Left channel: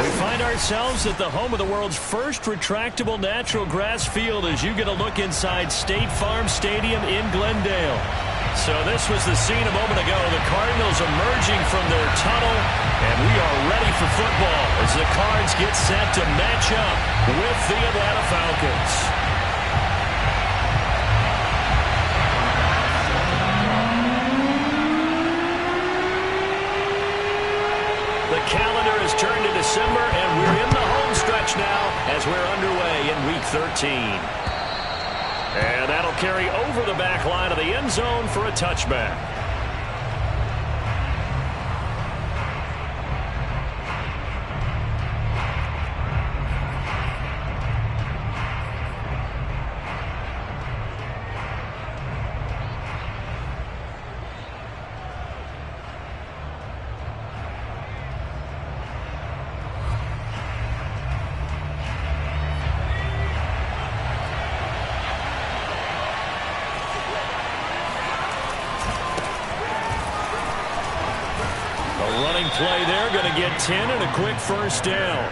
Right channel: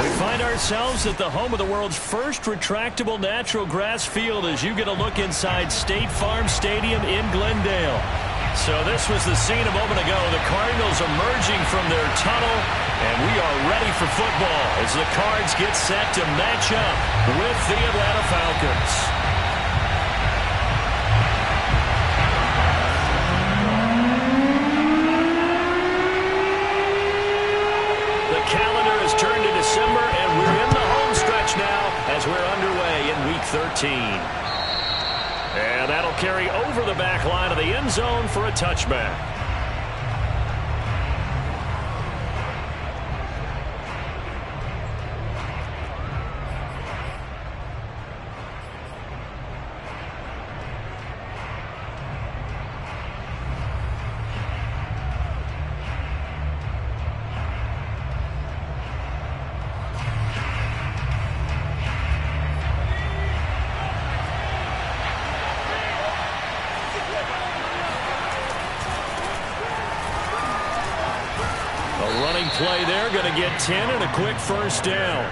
We find ourselves at the home of the world's first retractable natural grass field as you get a look inside State Farm Stadium in Glendale. So this was the scene a moment ago. The Cardinals emerging from their tunnel, and we are ready for football as the Cards get set to match up with the Atlanta Falcons. The calendar has turned to December, and we're in the home stretch now as we're underway in Week 13. And that'll carry over the back line of the end zone for a touchback. Play there, going to get 10 and a quick first down.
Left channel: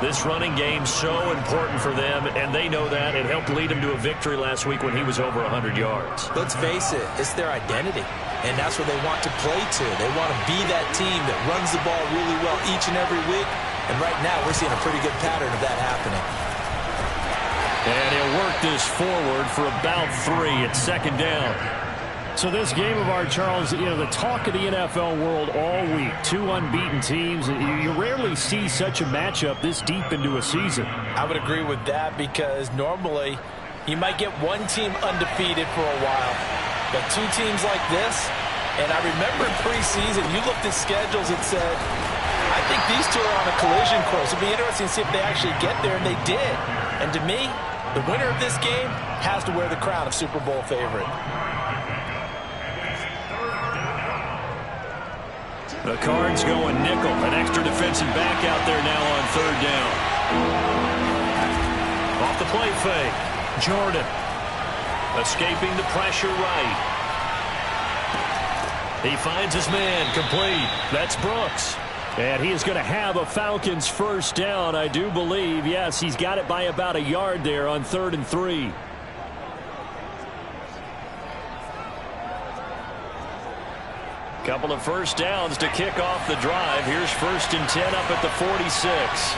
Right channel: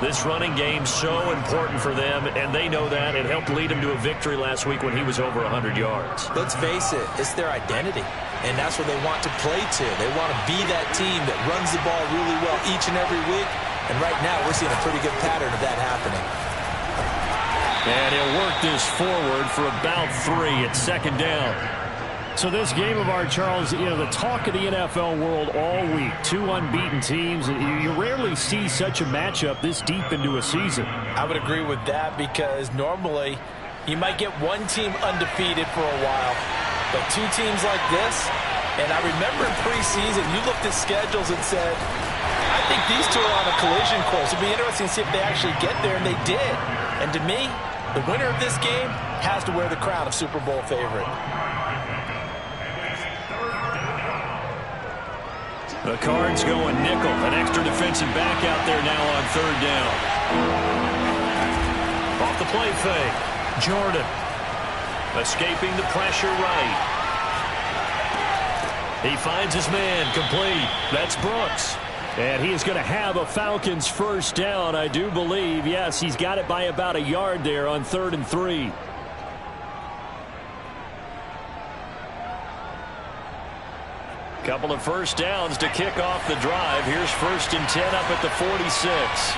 This running game's so important for them, and they know that. It helped lead them to a victory last week when he was over 100 yards. Let's face it, it's their identity, and that's what they want to play to. They want to be that team that runs the ball really well each and every week, and right now we're seeing a pretty good pattern of that happening. And he'll work this forward for about 3 at second down. So this game of ours, Charles, you know, the talk of the NFL world all week. 2 unbeaten teams. You rarely see such a matchup this deep into a season. I would agree with that because normally you might get one team undefeated for a while, but 2 teams like this, and I remember in preseason you looked at schedules and said, I think these 2 are on a collision course. It'd be interesting to see if they actually get there, and they did. And to me, the winner of this game has to wear the crown of Super Bowl favorite. The Cards going nickel. An extra defensive back out there now on third down. Off the play fake. Jordan. Escaping the pressure right. He finds his man. Complete. That's Brooks. And he is going to have a Falcons first down, I do believe. Yes, he's got it by about a yard there on 3rd and 3. Couple of first downs to kick off the drive. Here's 1st and 10 up at the 46.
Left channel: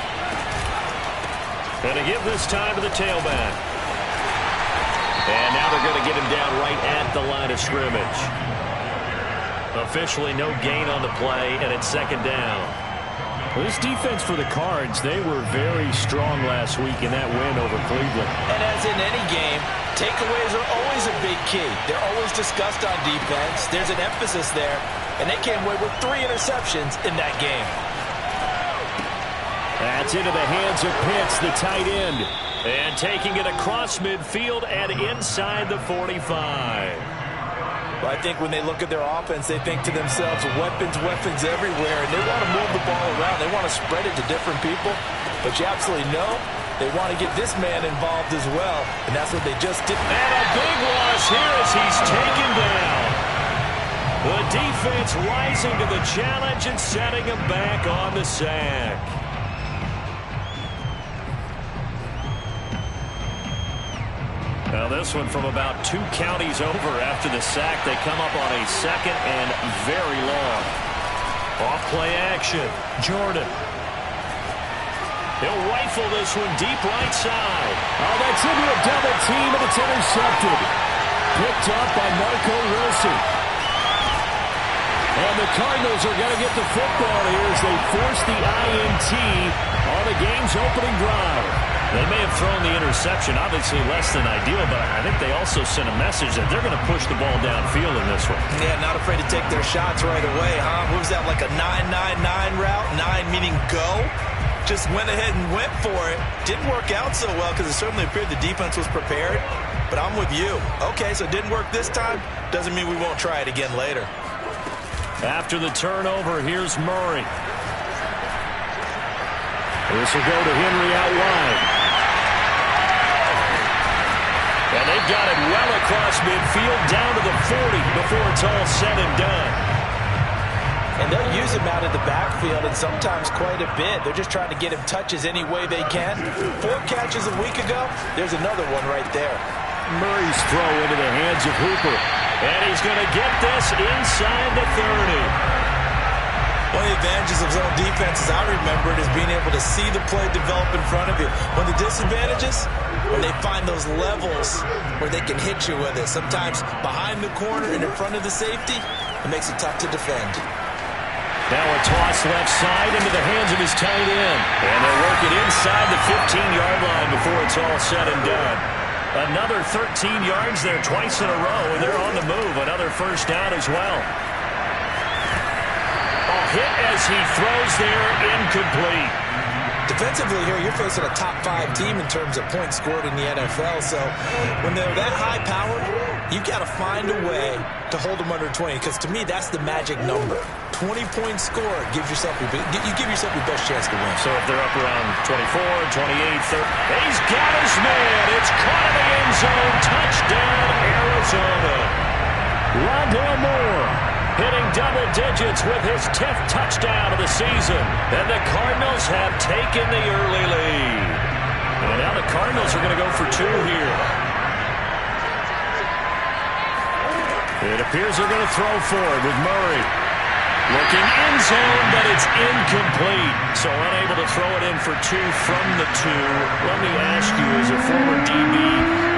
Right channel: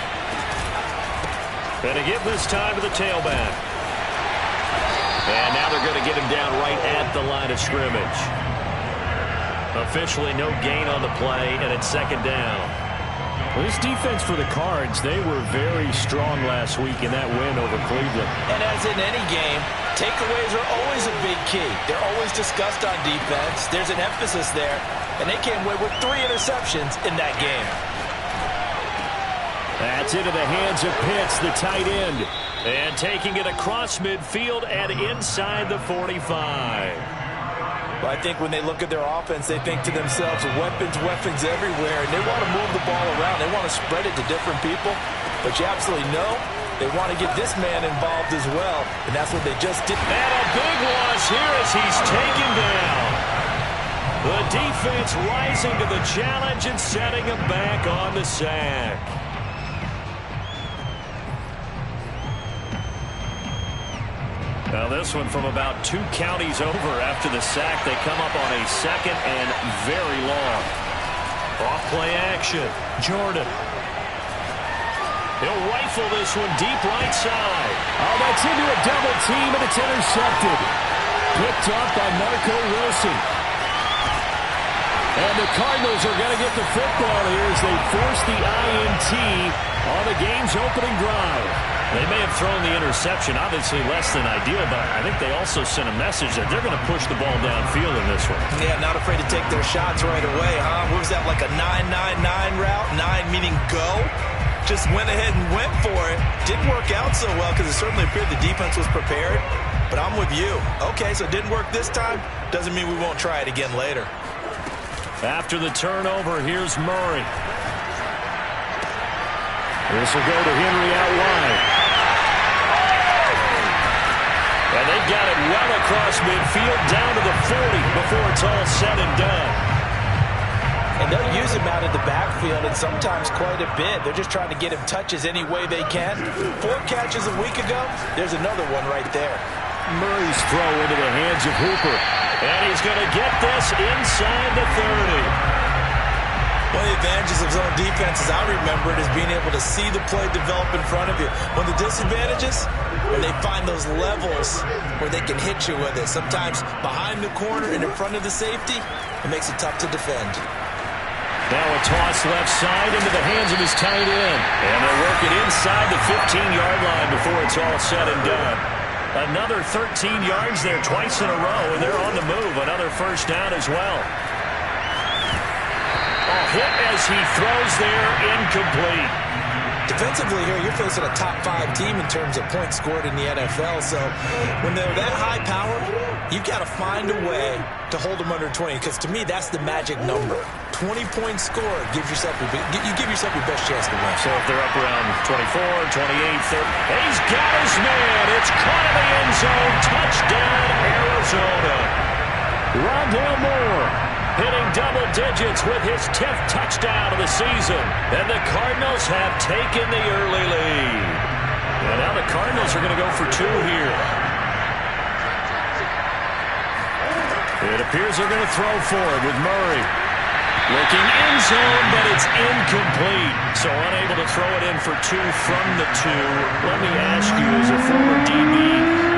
And to give this time to the tailback. And now they're going to get him down right at the line of scrimmage. Officially no gain on the play, and it's second down. Well, this defense for the Cards, they were very strong last week in that win over Cleveland. And as in any game, takeaways are always a big key. They're always discussed on defense. There's an emphasis there, and they came away with 3 interceptions in that game. That's into the hands of Pitts, the tight end. And taking it across midfield and inside the 45. Well, I think when they look at their offense, they think to themselves, weapons, weapons everywhere, and they want to move the ball around. They want to spread it to different people, but you absolutely know they want to get this man involved as well, and that's what they just did. And a big loss here as he's taken down. The defense rising to the challenge and setting him back on the sack. Now this one from about 2 counties over after the sack. They come up on a 2nd and very long. Off play action. Jordan. He'll rifle this one deep right side. Oh, that's into a double team, and it's intercepted. Picked up by Marco Wilson. And the Cardinals are going to get the football here as they force the INT on the game's opening drive. They may have thrown the interception, obviously less than ideal, but I think they also sent a message that they're going to push the ball downfield in this one. Yeah, not afraid to take their shots right away, huh? What was that, like a 9-9-9 route? 9 meaning go? Just went ahead and went for it. Didn't work out so well because it certainly appeared the defense was prepared, but I'm with you. Okay, so it didn't work this time. Doesn't mean we won't try it again later. After the turnover, here's Murray. This will go to Henry out wide. And they've got it well across midfield down to the 40 before it's all said and done. And And they'll use him out of the backfield, and sometimes quite a bit. They're just trying to get him touches any way they can. 4 catches a week ago. There's another one right there. Murray's throw into the hands of Hooper. And he's going to get this inside the 30. One of the advantages of zone defense, as I remember it, is being able to see the play develop in front of you. One of the disadvantages, when they find those levels where they can hit you with it. Sometimes behind the corner and in front of the safety, it makes it tough to defend. Now a toss left side into the hands of his tight end. And they work it inside the 15-yard line before it's all said and done. Another 13 yards there twice in a row, and they're on the move. Another first down as well. Hit as he throws there, incomplete. Defensively here, you're facing a top 5 team in terms of points scored in the NFL. So when they're that high powered, you've got to find a way to hold them under 20. Because to me, that's the magic number. 20-point score you give yourself your best chance to win. So if they're up around 24, 28, 30. He's got his man. It's caught in the end zone. Touchdown, Arizona. Rondale Moore hitting double digits with his 10th touchdown of the season. And the Cardinals have taken the early lead. And now the Cardinals are going to go for 2 here. It appears they're going to throw for it with Murray. Looking in zone, but it's incomplete. So unable to throw it in for 2 from the 2. Let me ask you, as a former DB,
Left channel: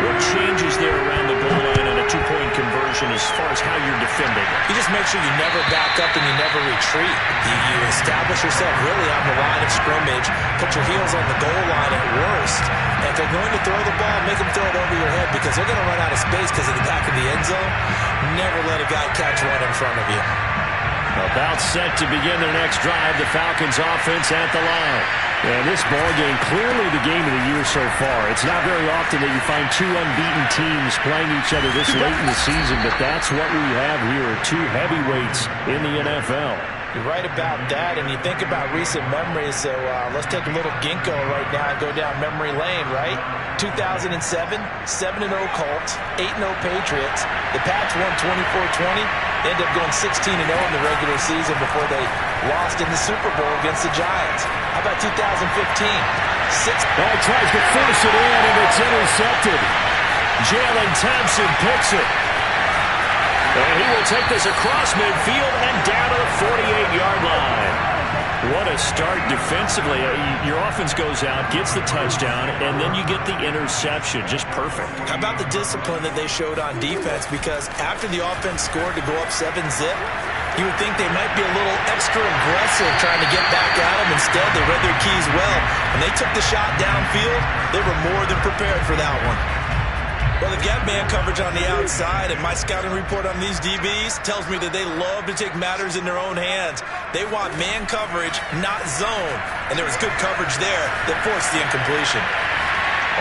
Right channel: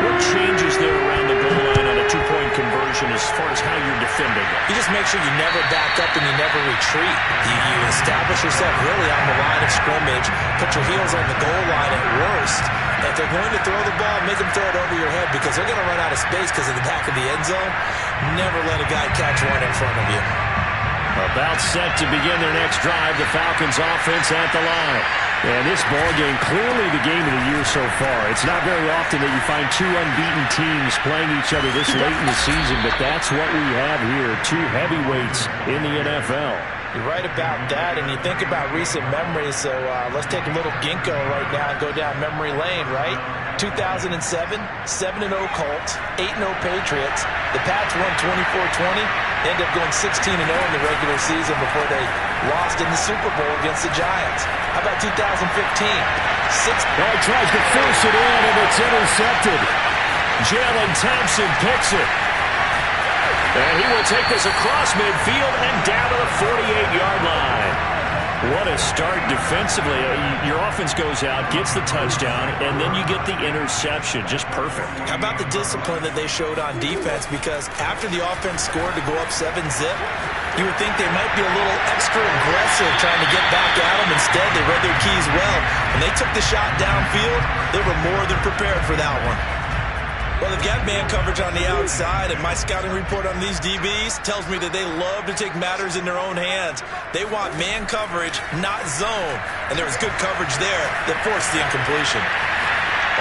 what changes there around the goal line on a 2-point conversion as far as how you're defending it? You just make sure you never back up and you never retreat. You establish yourself really on the line of scrimmage, put your heels on the goal line at worst. And if they're going to throw the ball, make them throw it over your head because they're going to run out of space because of the back of the end zone. Never let a guy catch one in front of you. About set to begin their next drive, the Falcons offense at the line. And this ball game, clearly the game of the year so far. It's not very often that you find 2 unbeaten teams playing each other this late in the season, but that's what we have here, 2 heavyweights in the NFL. You're right about that, and you think about recent memories, so let's take a little ginkgo right now and go down memory lane, right? 2007, 7-0 Colts, 8-0 Patriots. The Pats won 24-20, ended up going 16-0 in the regular season before they lost in the Super Bowl against the Giants. How about 2015? He tries to force it in, and it's intercepted. Jalen Thompson picks it. And he will take this across midfield and down to the 48-yard line. What a start defensively. Your offense goes out, gets the touchdown, and then you get the interception. Just perfect. How about the discipline that they showed on defense? Because after the offense scored to go up 7-zip, you would think they might be a little extra aggressive trying to get back at them. Instead, they read their keys well. When they took the shot downfield, they were more than prepared for that one. Well, they've got man coverage on the outside, and my scouting report on these DBs tells me that they love to take matters in their own hands. They want man coverage, not zone. And there was good coverage there that forced the incompletion.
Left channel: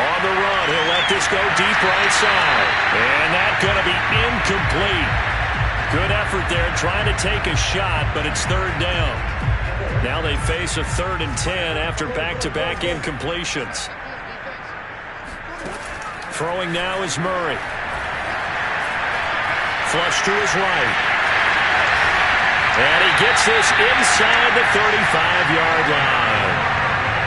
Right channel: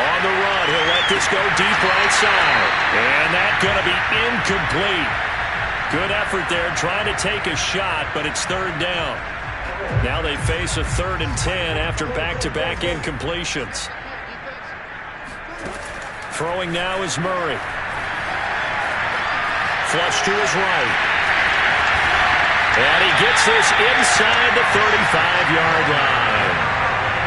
On the run, he'll let this go deep right side. And that's going to be incomplete. Good effort there, trying to take a shot, but it's 3rd down. Now they face a 3rd and 10 after back-to-back incompletions. Throwing now is Murray. Flush to his right. And he gets this inside the 35-yard line.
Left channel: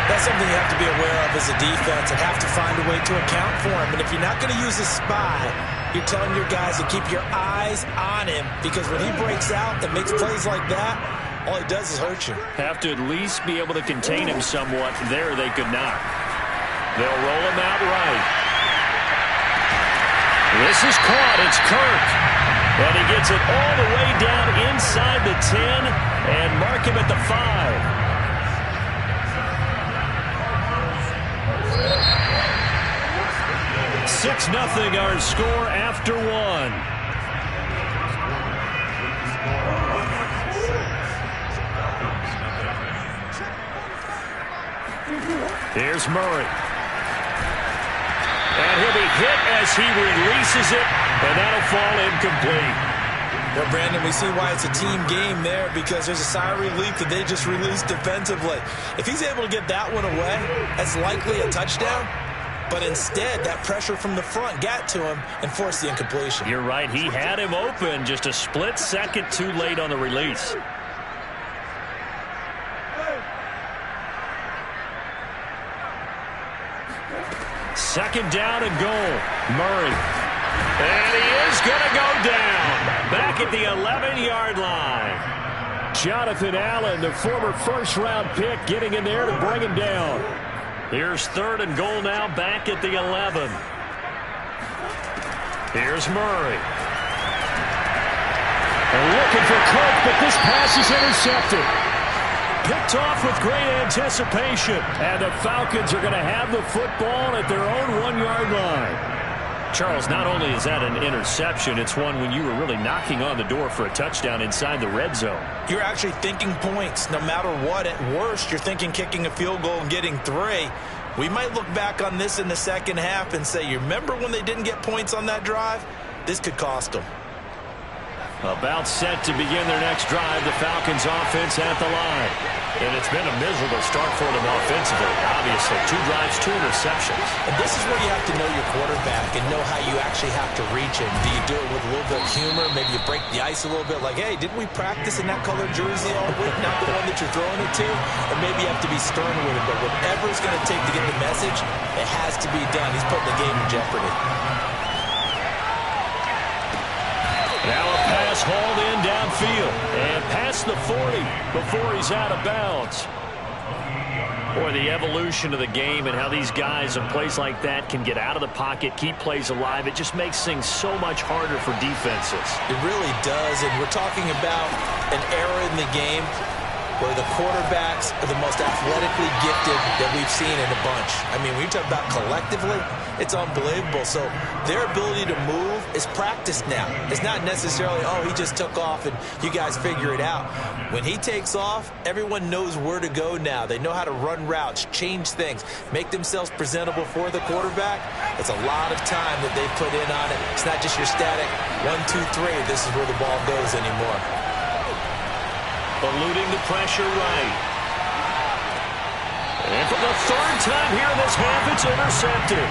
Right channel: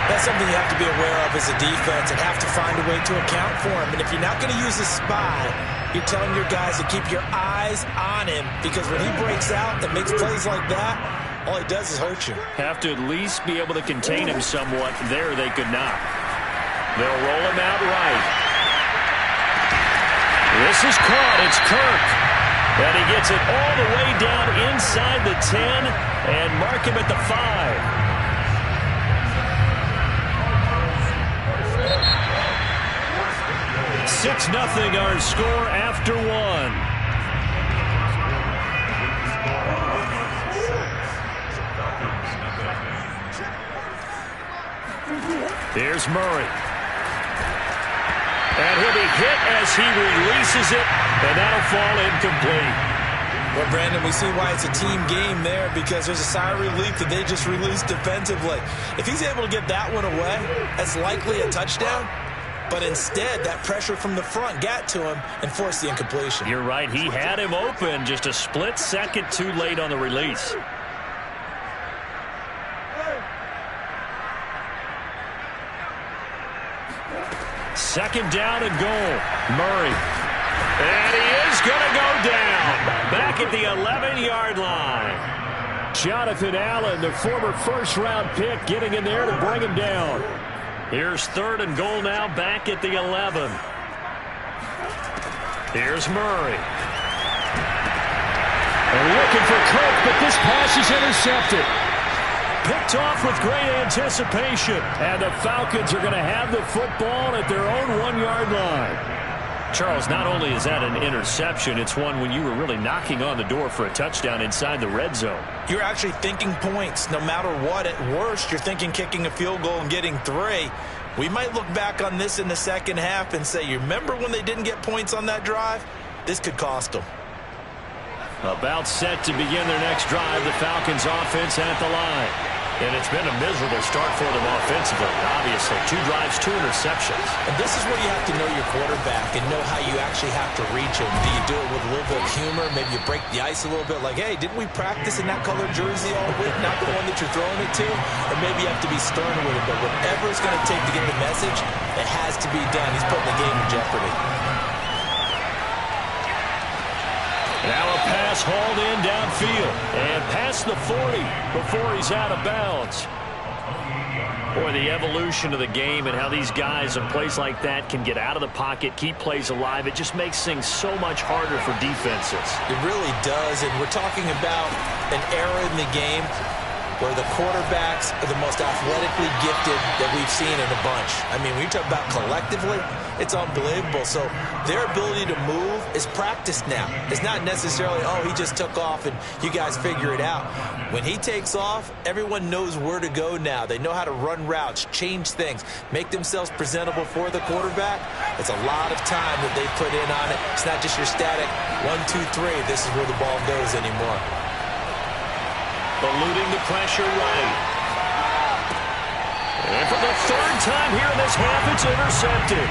That's something you have to be aware of as a defense and have to find a way to account for him. And if you're not going to use a spy, you're telling your guys to keep your eyes on him, because when he breaks out and makes plays like that, all he does is hurt you. Have to at least be able to contain him somewhat. There they could not. They'll roll him out right. This is caught. It's Kirk. And he gets it all the way down inside the 10 and mark him at the 5. 6-0 our score after 1. Here's Murray. And he'll be hit as he releases it, and that'll fall incomplete. Well, Brandon, we see why it's a team game there, because there's a sigh of relief that they just released defensively. If he's able to get that one away, that's likely a touchdown. But instead, that pressure from the front got to him and forced the incompletion. You're right. He had him open, just a split second too late on the release. Second down and goal. Murray. And he is going to go down. Back at the 11-yard line. Jonathan Allen, the former first-round pick, getting in there to bring him down. Here's third and goal now, back at the 11. Here's Murray. And looking for Cook, but this pass is intercepted. Picked off with great anticipation. And the Falcons are going to have the football at their own 1-yard line. Charles, not only is that an interception, it's one when you were really knocking on the door for a touchdown inside the red zone. You're actually thinking points. No matter what, at worst, you're thinking kicking a field goal and getting 3. We might look back on this in the second half and say, you remember when they didn't get points on that drive? This could cost them. About set to begin their next drive, the Falcons offense at the line. And it's been a miserable start for them offensively, obviously. 2 drives, 2 interceptions. And this is where you have to know your quarterback and know how you actually have to reach him. Do you do it with a little bit of humor? Maybe you break the ice a little bit like, hey, didn't we practice in that colored jersey all week? Not the one that you're throwing it to? Or maybe you have to be stern with it. But whatever it's going to take to get the message, it has to be done. He's putting the game in jeopardy. Now a pass hauled in downfield and past the 40 before he's out of bounds. Boy, the evolution of the game and how these guys in plays like that can get out of the pocket, keep plays alive, it just makes things so much harder for defenses. It really does, and we're talking about an era in the game where the quarterbacks are the most athletically gifted that we've seen in a bunch. I mean, when you talk about collectively, it's unbelievable. So their ability to move is practiced now. It's not necessarily, oh, he just took off and you guys figure it out. When he takes off, everyone knows where to go now. They know how to run routes, change things, make themselves presentable for the quarterback. It's a lot of time that they put in on it. It's not just your static 1, 2, 3. This is where the ball goes anymore. Eluding the pressure right. And for the 3rd time here in this half, it's intercepted.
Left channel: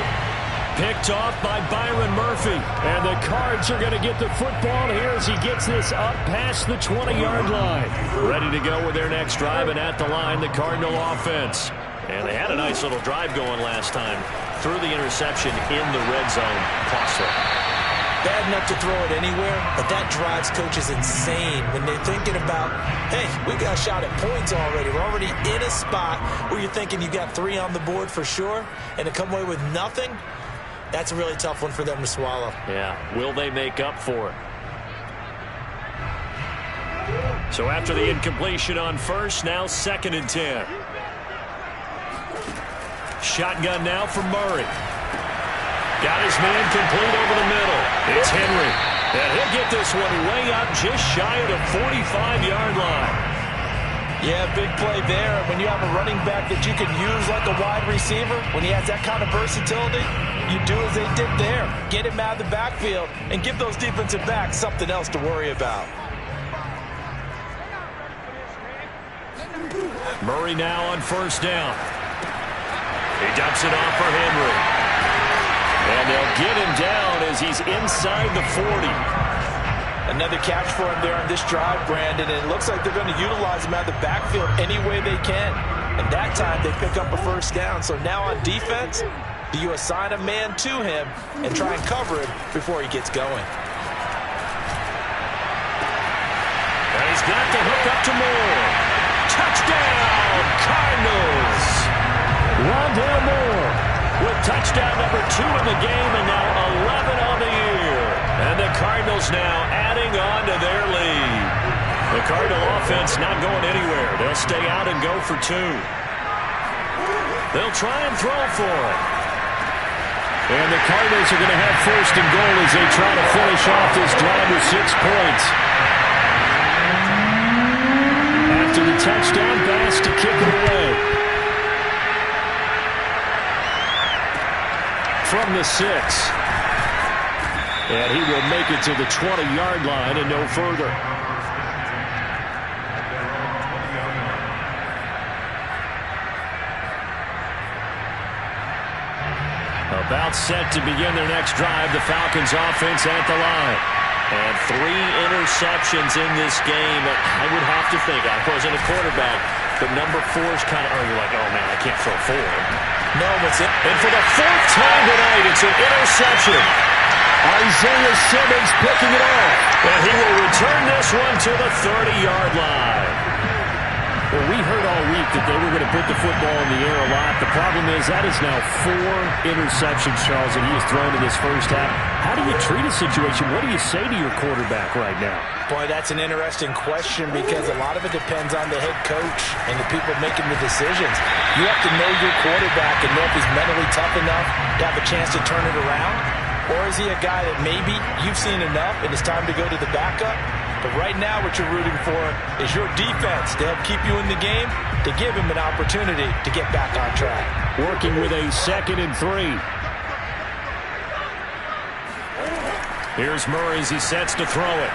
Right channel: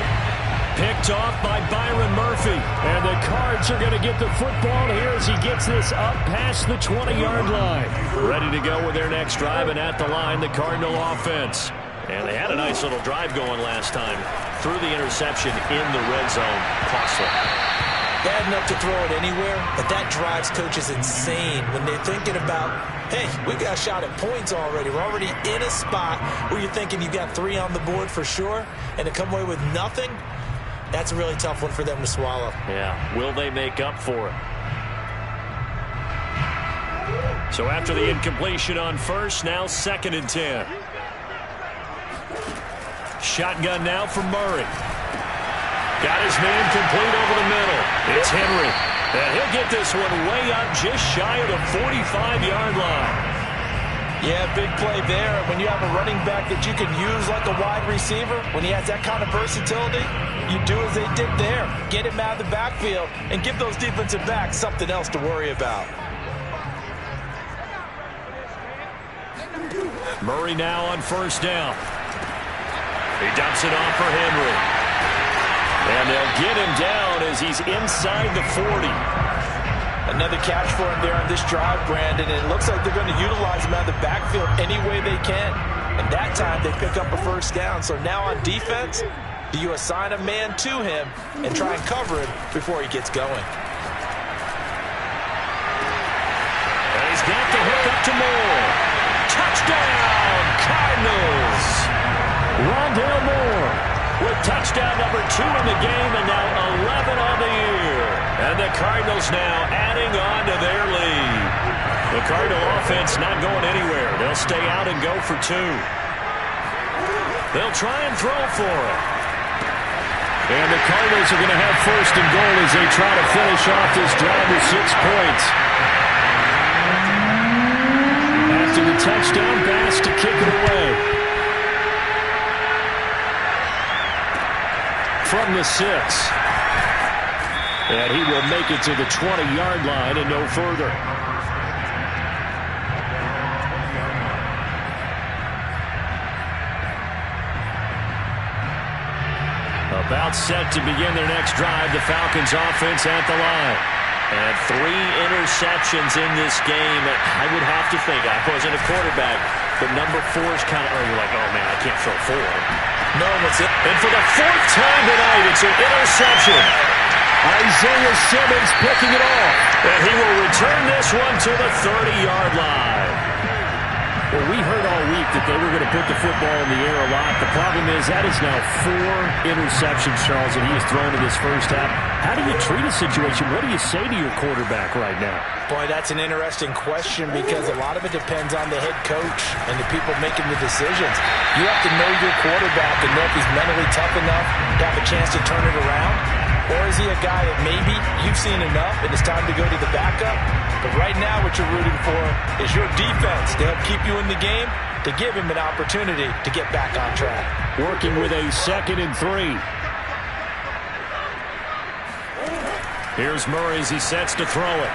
Picked off by Byron Murphy. And the Cards are going to get the football here as he gets this up past the 20-yard line. Ready to go with their next drive, and at the line, the Cardinal offense. And they had a nice little drive going last time. Threw the interception in the red zone. Costly. Bad enough to throw it anywhere, but that drives coaches insane when they're thinking about, hey, we got a shot at points already. We're already in a spot where you're thinking you got 3 on the board for sure, and to come away with nothing, that's a really tough one for them to swallow. Yeah, will they make up for it? So after the incompletion on first, now 2nd and 10. Shotgun now for Murray. Got his man complete over the middle. It's Henry. And he'll get this one way up just shy of the 45-yard line. Yeah, big play there. When you have a running back that you can use like a wide receiver, when he has that kind of versatility, you do as they did there. Get him out of the backfield and give those defensive backs something else to worry about. Murray now on 1st down. He dumps it off for Henry. And they'll get him down as he's inside the 40. Another catch for him there on this drive, Brandon, and it looks like they're going to utilize him out of the backfield any way they can. And that time they pick up a 1st down. So now on defense, do you assign a man to him and try and cover him before he gets going? And he's got the hook up to Moore. Touchdown, Cardinals. Rondale Moore with touchdown number 2 in the game, and now 11 on the year. And the Cardinals now adding on to their lead. The Cardinal offense not going anywhere. They'll stay out and go for 2. They'll try and throw for it. And the Cardinals are going to have 1st and goal as they try to finish off this drive with 6 points. After the touchdown, Bass to kick it away. From the 6. And he will make it to the 20-yard line and no further. About set to begin their next drive, the Falcons offense at the line. And 3 interceptions in this game. I would have to think, I wasn't a quarterback, but number 4 is kind of, oh, you're like, oh, man, I can't throw 4. No one's in. And for the fourth time tonight, it's an interception. Isaiah Simmons picking it off. And he will return this one to the 30-yard line. Well, we heard all week that they were going to put the football in the air a lot. The problem is that is now 4 interceptions, Charles, that he has thrown in this first half. How do you treat a situation? What do you say to your quarterback right now? Boy, that's an interesting question because a lot of it depends on the head coach and the people making the decisions. You have to know your quarterback and know if he's mentally tough enough to have a chance to turn it around. Or is he a guy that maybe you've seen enough and it's time to go to the backup? But right now what you're rooting for is your defense to help keep you in the game, to give him an opportunity to get back on track. Working with a 2nd and 3. Here's Murray as he sets to throw it.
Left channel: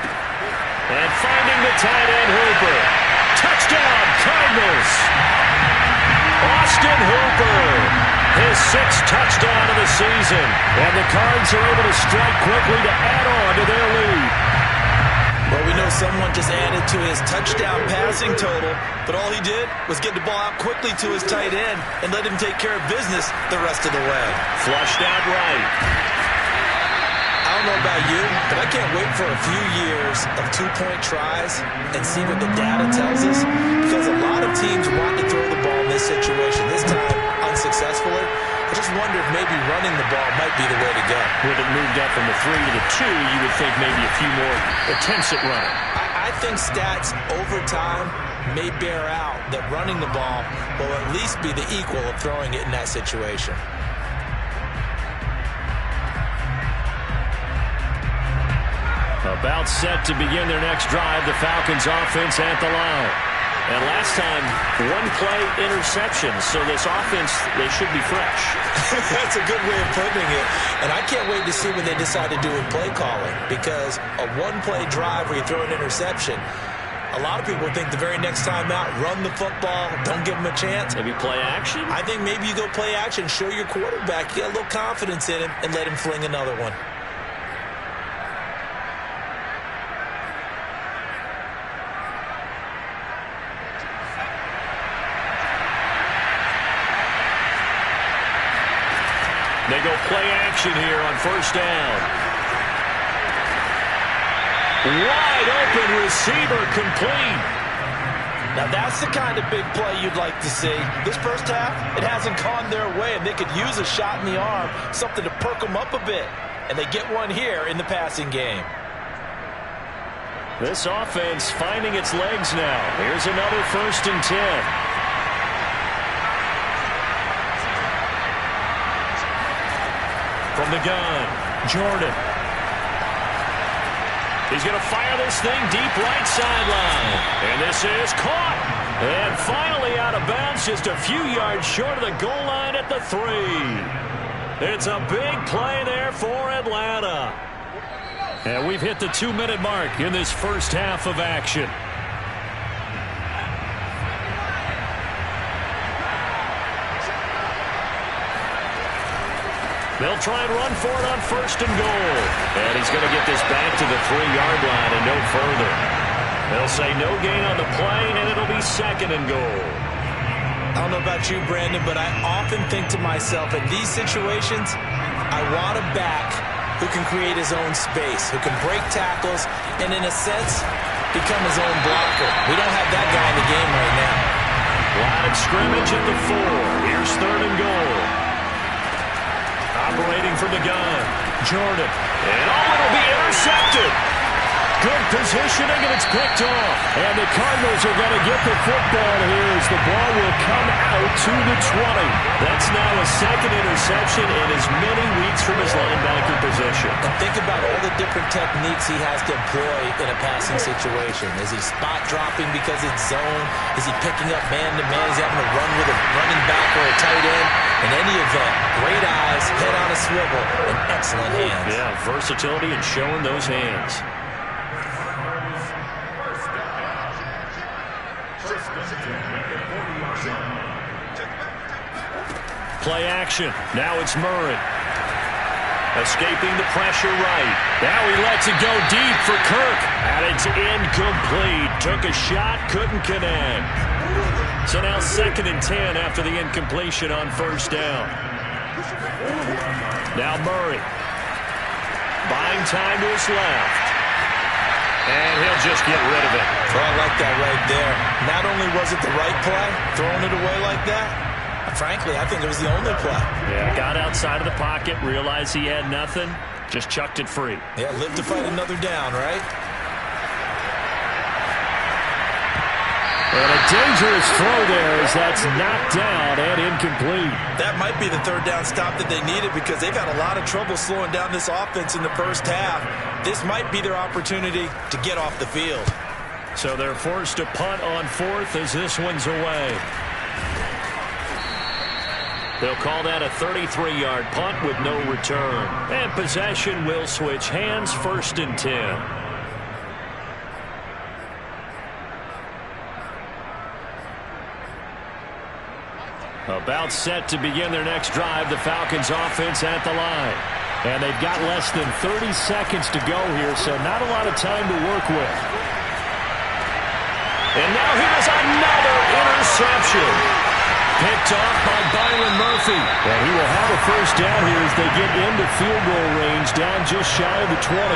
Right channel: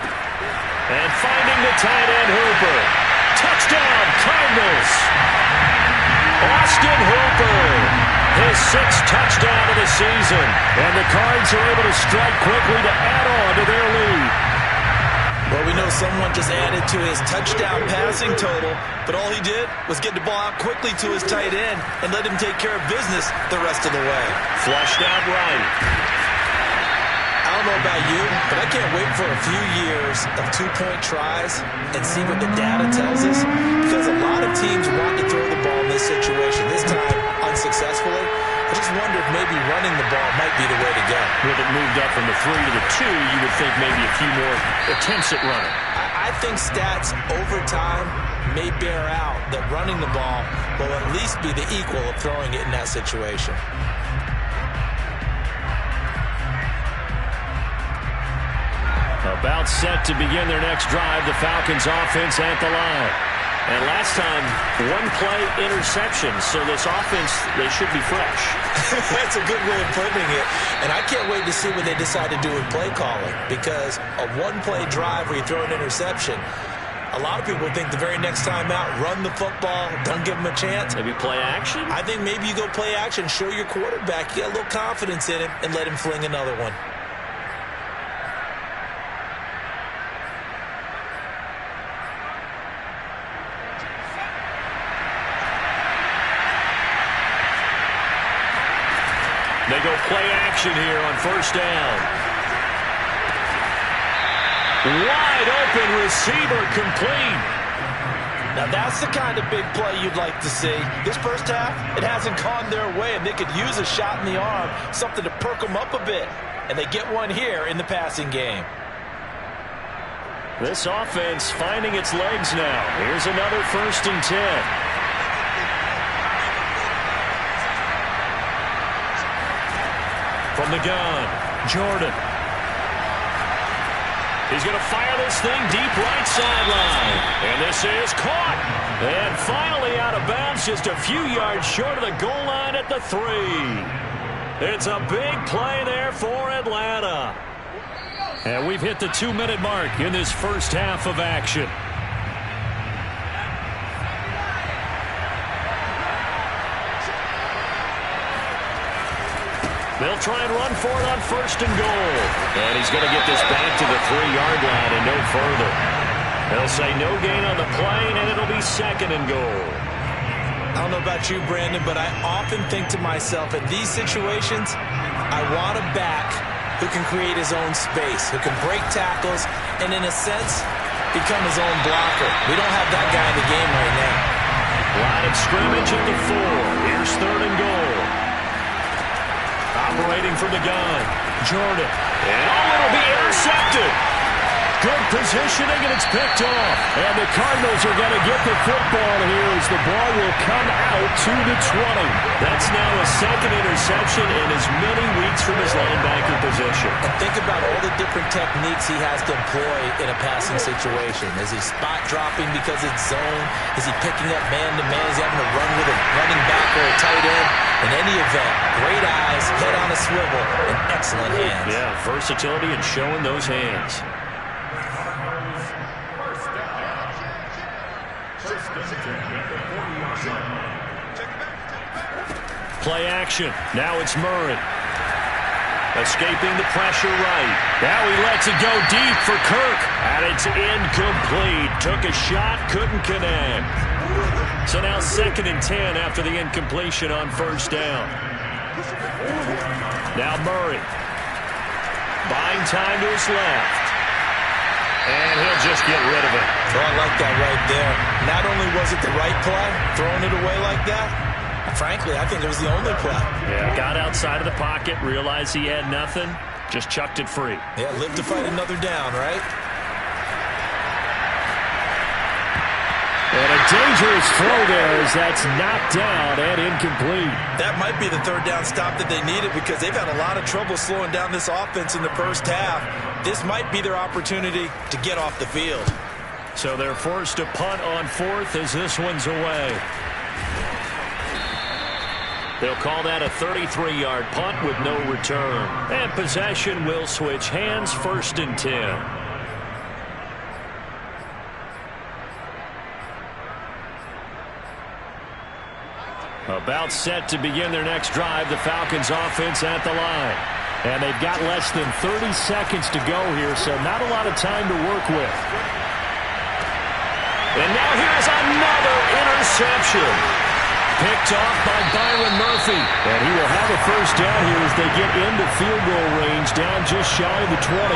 And finding the tight end Hooper. Touchdown, Cardinals! Austin Hooper, his 6th touchdown of the season. And the Cards are able to strike quickly to add on to their lead. Well, we know someone just added to his touchdown passing total, but all he did was get the ball out quickly to his tight end and let him take care of business the rest of the way. Flushed out right. I don't know about you, but I can't wait for a few years of 2-point tries and see what the data tells us, because a lot of teams want to throw the ball in this situation, this time unsuccessfully. I just wonder if maybe running the ball might be the way to go. With it moved up from the 3 to the 2, you would think maybe a few more attempts at running. I think stats over time may bear out that running the ball will at least be the equal of throwing it in that situation. About set to begin their next drive, the Falcons offense at the line. And last time, 1-play interception, so this offense, they should be fresh. That's a good way of putting it. And I can't wait to see what they decide to do with play calling, because a 1-play drive where you throw an interception, a lot of people think the very next time out, run the football, don't give them a chance. Maybe play action? I think maybe you go play action, show your quarterback, you got a little confidence in him, and let him fling another one. They go play action here on 1st down. Wide open receiver complete. Now that's the kind of big play you'd like to see. This first half, it hasn't gone their way, and they could use a shot in the arm, something to perk them up a bit. And they get one here in the passing game. This offense finding its legs now. Here's another 1st and 10. From the gun, Jordan. He's going to fire this thing deep right sideline. And this is caught. And finally out of bounds, just a few yards short of the goal line at the 3. It's a big play there for Atlanta. And we've hit the 2-minute mark in this first half of action. They'll try and run for it on 1st and goal. And he's going to get this back to the 3-yard line and no further. They'll say no gain on the play, and it'll be 2nd and goal. I don't know about you, Brandon, but I often think to myself, in these situations, I want a back who can create his own space, who can break tackles, and in a sense, become his own blocker. We don't have that guy in the game right now. Line of scrimmage at the 4. Here's 3rd and goal. Operating from the gun, Jordan. And it'll be intercepted. Good positioning, and it's picked off. And the Cardinals are going to get the football here as the ball will come out to the 20. That's now a 2nd interception in as many weeks from his linebacker position. And think about all the different techniques he has to employ in a passing situation. Is he spot dropping because it's zone? Is he picking up man-to-man? Is he having to run with a running back or a tight end? In any event, great eyes, head on a swivel, and excellent hands. Yeah, versatility and showing those hands. Play action. Now it's Murray. Escaping the pressure right. Now he lets it go deep for Kirk. And it's incomplete. Took a shot, couldn't connect. So now 2nd and 10 after the incompletion on first down. Now Murray. Buying time to his left. And he'll just get rid of it. Oh, I like that right there. Not only was it the right play, throwing it away like that, frankly, I think it was the only play. Yeah, got outside of the pocket, realized he had nothing, just chucked it free. Yeah, live to fight another down, right? And a dangerous throw there as that's knocked down and incomplete. That might be the third down stop that they needed because they've had a lot of trouble slowing down this offense in the first half. This might be their opportunity to get off the field. So they're forced to punt on 4th as this one's away. They'll call that a 33-yard punt with no return. And possession will switch hands, 1st and 10. About set to begin their next drive, the Falcons offense at the line. And they've got less than 30 seconds to go here, so not a lot of time to work with. And now here's another interception. Picked off by Byron Murphy. And he will have a first down here as they get into field goal range, down just shy of the 20.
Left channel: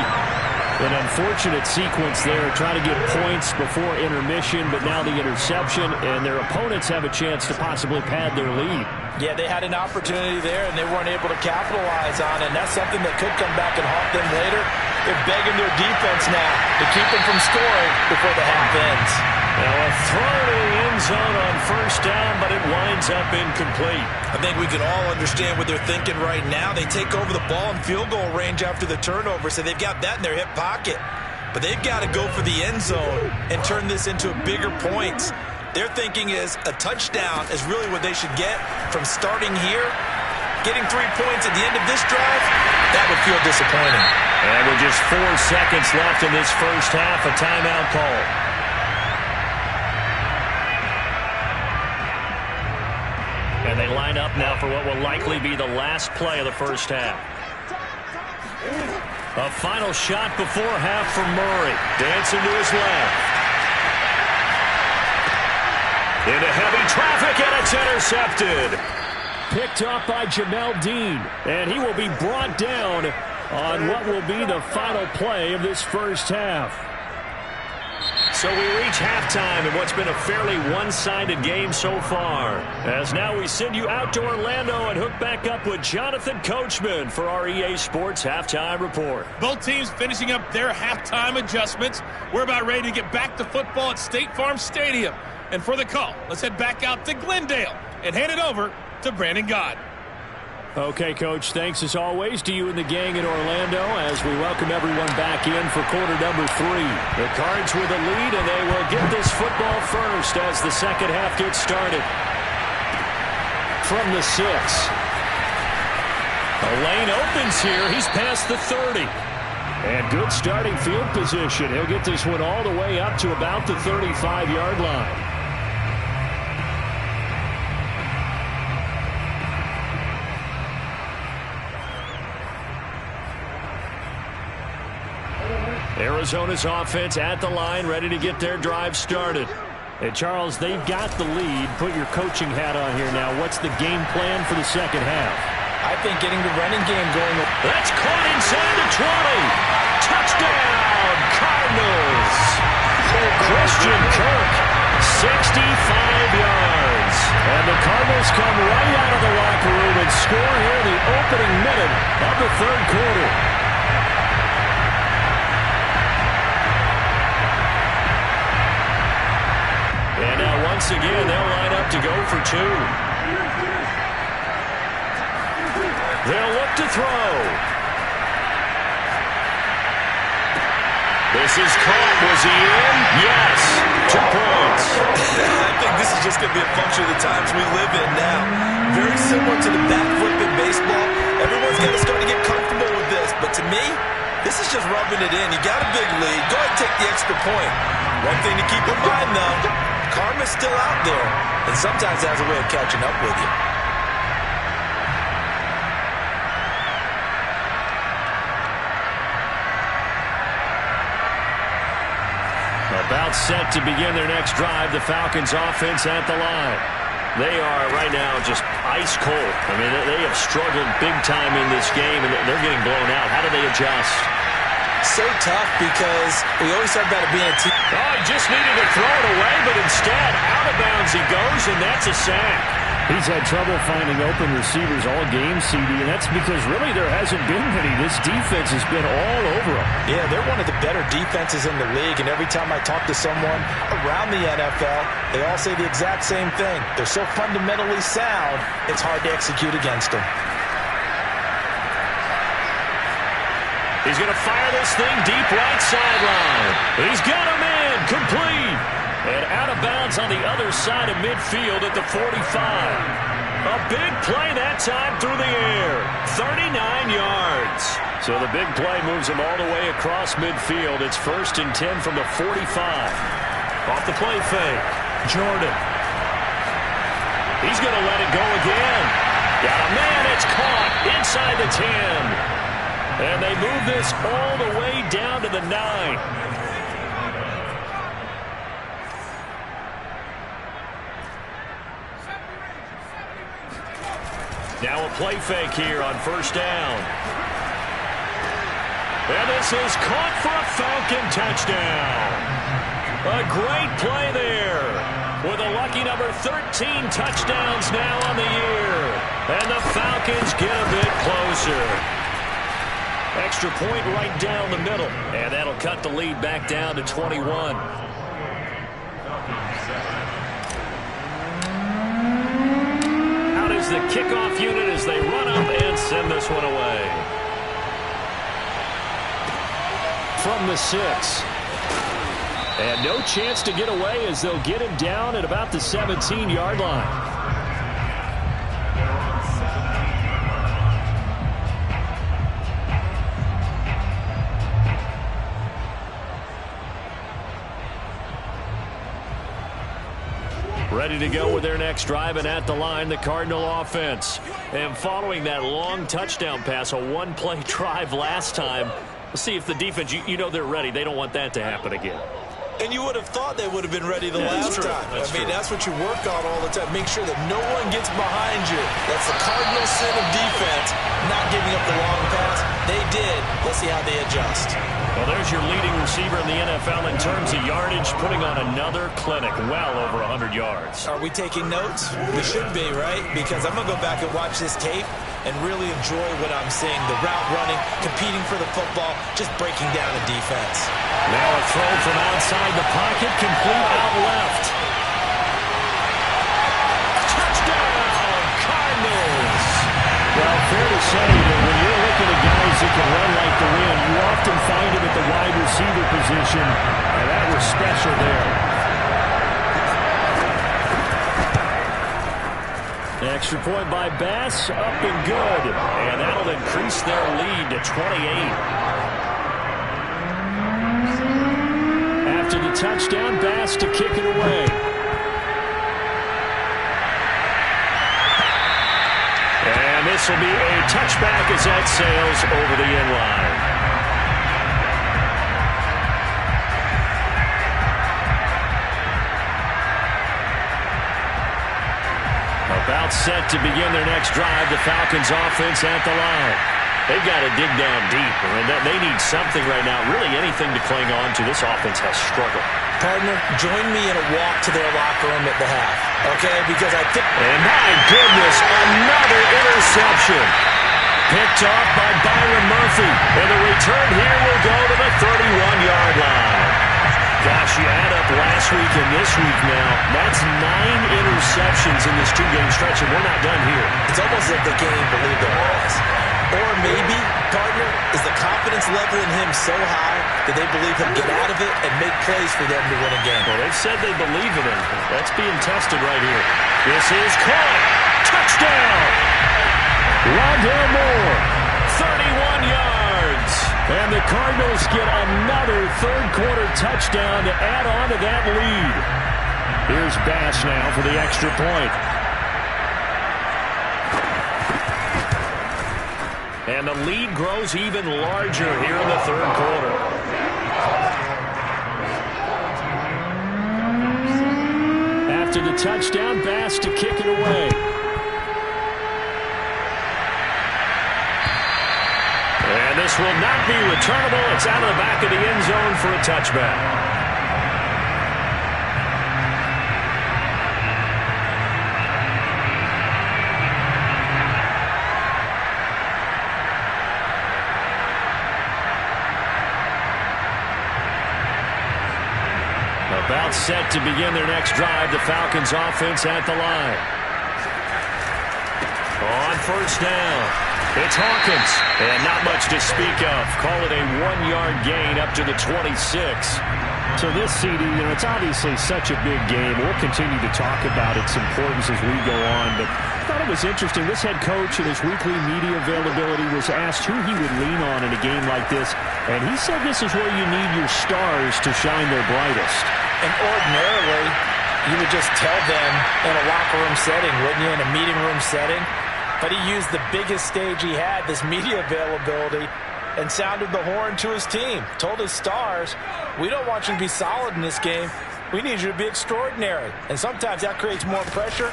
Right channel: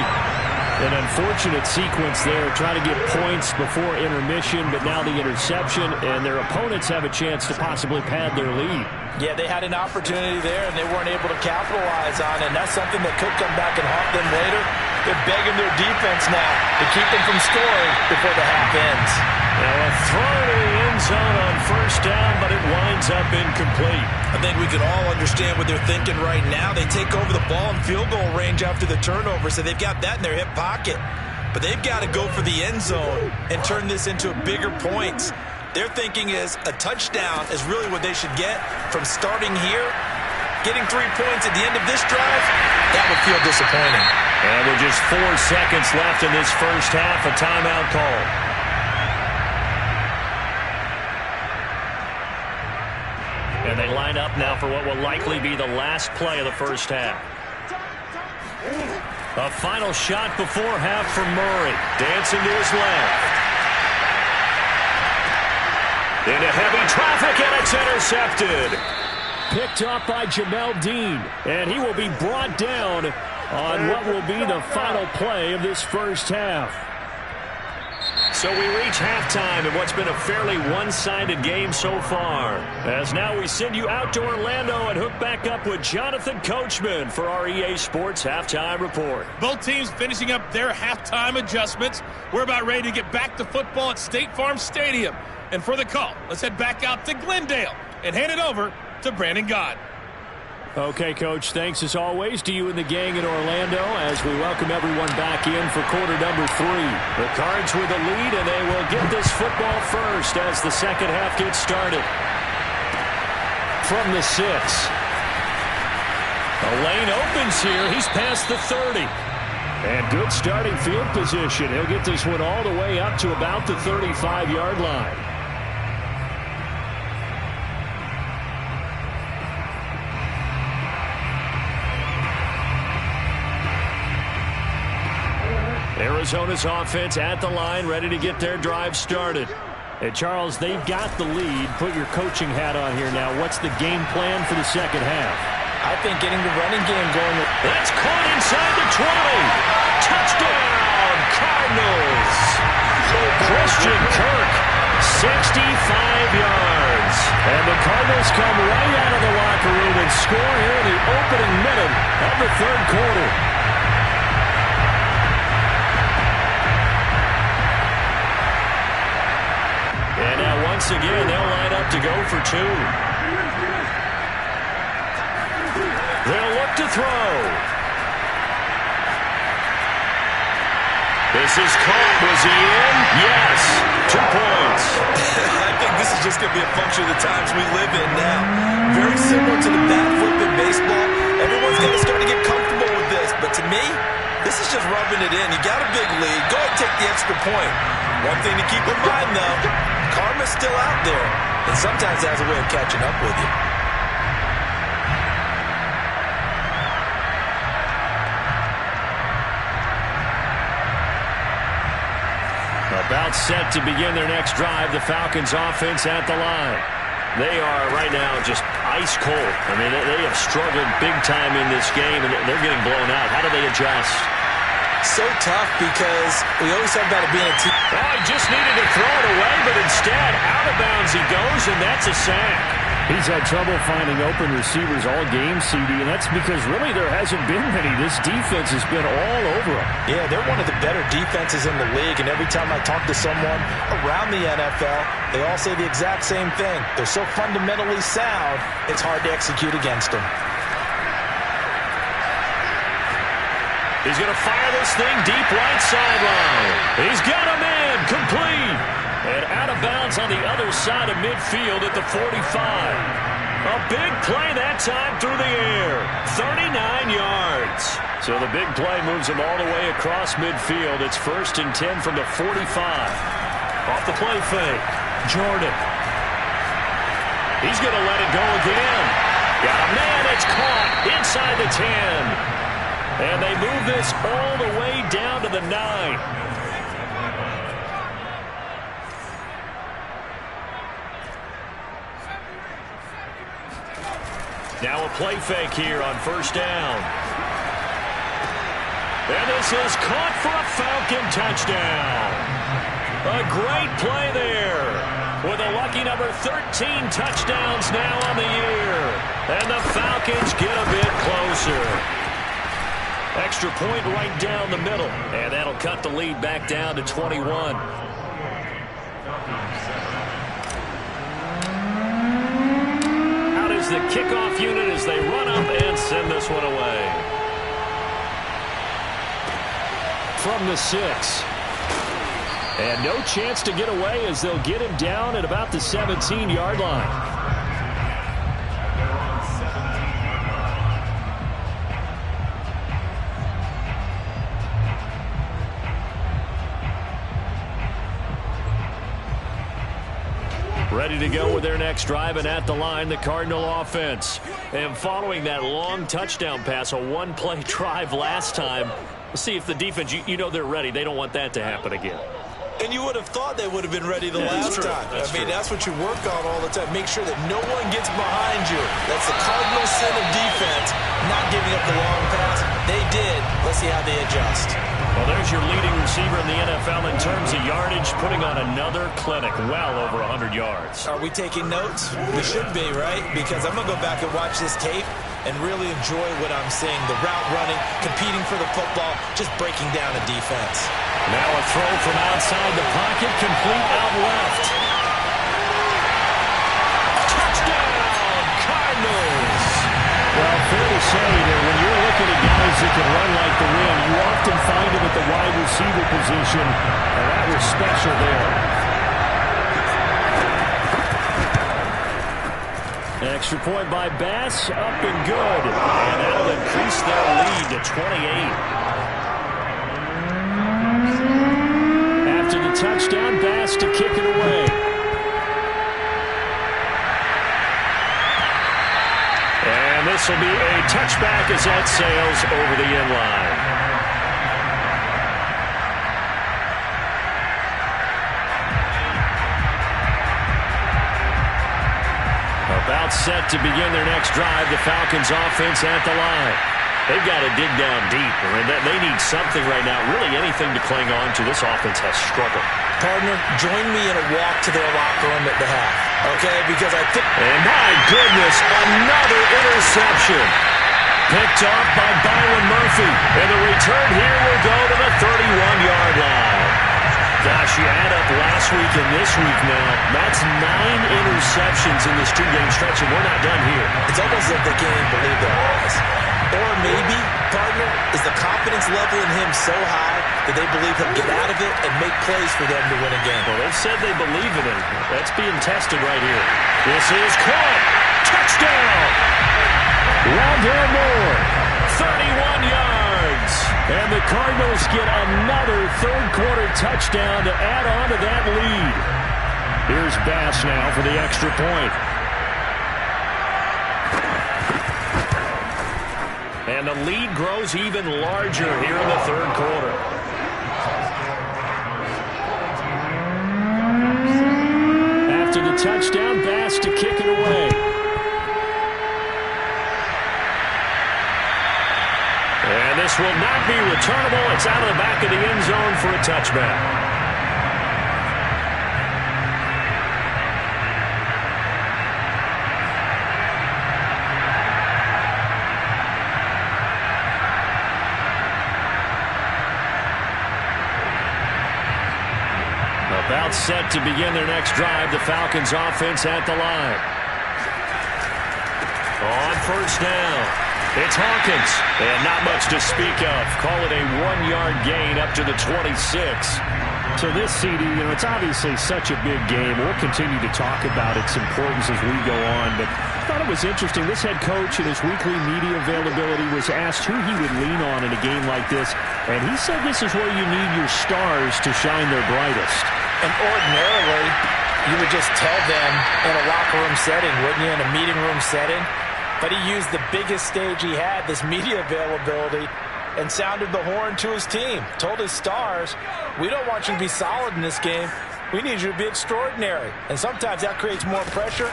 An unfortunate sequence there, trying to get points before intermission, but now the interception, and their opponents have a chance to possibly pad their lead. Yeah, they had an opportunity there, and they weren't able to capitalize on it, and that's something that could come back and haunt them later. They're begging their defense now to keep them from scoring before the half ends. Now a throw to the end zone on first down, but it winds up incomplete. I think we can all understand what they're thinking right now. They take over the ball in field goal range after the turnover, so they've got that in their hip pocket. But they've got to go for the end zone and turn this into bigger points. Their thinking is a touchdown is really what they should get from starting here. Getting 3 points at the end of this drive, that would feel disappointing. And with just 4 seconds left in this first half, a timeout call. And they line up now for what will likely be the last play of the first half. A final shot before half from Murray. Dancing to his left. Into heavy traffic, and it's intercepted. Picked off by Jamel Dean. And he will be brought down on what will be the final play of this first half. So we reach halftime in what's been a fairly one-sided game so far. As now we send you out to Orlando and hook back up with Jonathan Coachman for our EA Sports Halftime Report. Both teams finishing up their halftime adjustments. We're about ready to get back to football at State Farm Stadium. And for the call, let's head back out to Glendale and hand it over to Brandon Gott. Okay, Coach, thanks as always to you and the gang in Orlando as we welcome everyone back in for quarter number 3. The Cards with a lead, and they will get this football first as the second half gets started. From the 6. A lane opens here. He's past the 30. And good starting field position. He'll get this one all the way up to about the 35-yard line. Arizona's offense at the line, ready to get their drive started. Hey, Charles, they've got the lead. Put your coaching hat on here now. What's the game plan for the second half? I think getting the running game going. That's caught inside the 20. Touchdown, Cardinals. Christian Kirk, 65 yards. And the Cardinals come right out of the locker room and score here in the opening minute of the third quarter. And now once again, they'll line up to go for 2. They'll look to throw. This is caught. Was he in? Yes. 2 points. I think this is just going to be a function of the times we live in now. Very similar to the bat flip in baseball. Everyone's got to start to get comfortable with this. But to me, this is just rubbing it in. You got a big lead. Go ahead and take the extra point. One thing to keep in mind, though, karma's still out there, and sometimes it has a way of catching up with you. About set to begin their next drive, the Falcons offense at the line. They are right now just ice cold. I mean, they have struggled big time in this game, and they're getting blown out. How do they adjust? So tough because we always talk about it being a team. Oh, he just needed to throw it away, but instead, out of bounds he goes, and that's a sack. He's had trouble finding open receivers all game, CD, and that's because really there hasn't been many. This defense has been all over them. Yeah, they're one of the better defenses in the league, and every time I talk to someone around the NFL, they all say the exact same thing. They're so fundamentally sound, it's hard to execute against them. He's going to fire this thing deep right sideline. He's got a man complete. And out of bounds on the other side of midfield at the 45. A big play that time through the air. 39 yards. So the big play moves him all the way across midfield. It's 1st and 10 from the 45. Off the play fake. Jordan. He's going to let it go again. Got a man. It's caught inside the 10. And they move this all the way down to the 9. Now a play fake here on 1st down. And this is caught for a Falcon touchdown. A great play there. With a lucky number 13 touchdowns now on the year. And the Falcons get a bit closer. Extra point right down the middle. And that'll cut the lead back down to 21. The kickoff unit as they run up and send this one away. From the 6. And no chance to get away as they'll get him down at about the 17-yard line. Ready to go with their next drive, and at the line, the Cardinal offense. And following that long touchdown pass, a one-play drive last time, let's see if the defense, you know they're ready. They don't want that to happen again. And you would have thought they would have been ready the last time. That's what you work on all the time. Make sure that no one gets behind you. That's the cardinal sin of defense, not giving up the long pass. They did. Let's see how they adjust. Well, there's your leading receiver in the NFL in terms of yardage, putting on another clinic, well over 100 yards. Are we taking notes? We should be, right? Because I'm going to go back and watch this tape and really enjoy what I'm seeing. The route running, competing for the football, just breaking down a defense. Now a throw from outside the pocket, complete out left. Touchdown, Cardinals! Well, fair to say that when you're looking at guys that can run like the wind, you often find them at the wide receiver position, and that was special there. Extra point by Bass, up and good. And that'll increase their lead to 28. After the touchdown, Bass to kick it away. And this will be a touchback as that sails over the end line. About set to begin their next drive, the Falcons offense at the line. They've got to dig down deep. I mean, they need something right now, really anything to cling on to. This offense has struggled. Partner, join me in a walk to their locker room at the half, okay? Because I think... And my goodness, another interception. Picked off by Byron Murphy. And the return here will go to the 31-yard line. Gosh, you add up last week and this week now, that's 9 interceptions in this two-game stretch, and we're not done here. It's almost as if they can't even believe their eyes. Or maybe, partner, is the confidence level in him so high that they believe he'll get out of it and make plays for them to win a game. Well, they've said they believe in him. That's being tested right here. This is caught. Touchdown! Rondell Moore, 31 yards. And the Cardinals get another third-quarter touchdown to add on to that lead. Here's Bass now for the extra point. And the lead grows even larger here in the third quarter. After the touchdown, Bass to kick it away. And this will not be returnable. It's out of the back of the end zone for a touchback. About set to begin their next drive. The Falcons offense at the line. On first down, it's Hawkins. And not much to speak of. Call it a 1-yard gain up to the 26. So this, CD, it's obviously such a big game. We'll continue to talk about its importance as we go on. But I thought it was interesting. This head coach in his weekly media availability was asked who he would lean on in a game like this. And he said this is where you need your stars to shine their brightest. And ordinarily, you would just tell them in a locker room setting, wouldn't you, in a meeting room setting? But he used the biggest stage he had, this media availability, and sounded the horn to his team. Told his stars, we don't want you to be solid in this game. We need you to be extraordinary. And sometimes that creates more pressure.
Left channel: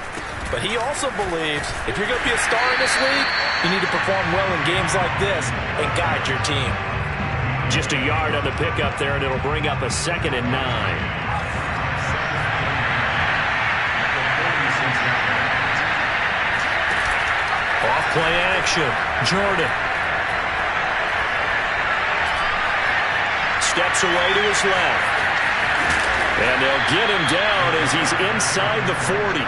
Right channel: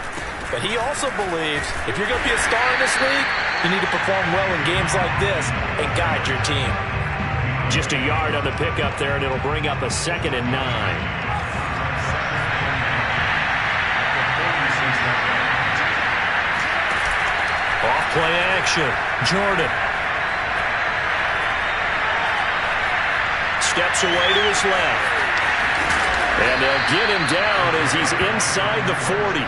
But he also believes if you're going to be a star in this league, you need to perform well in games like this and guide your team. Just a yard on the pickup there, and it'll bring up a 2nd and 9. Off play action. Jordan. Steps away to his left. And they'll get him down as he's inside the 40.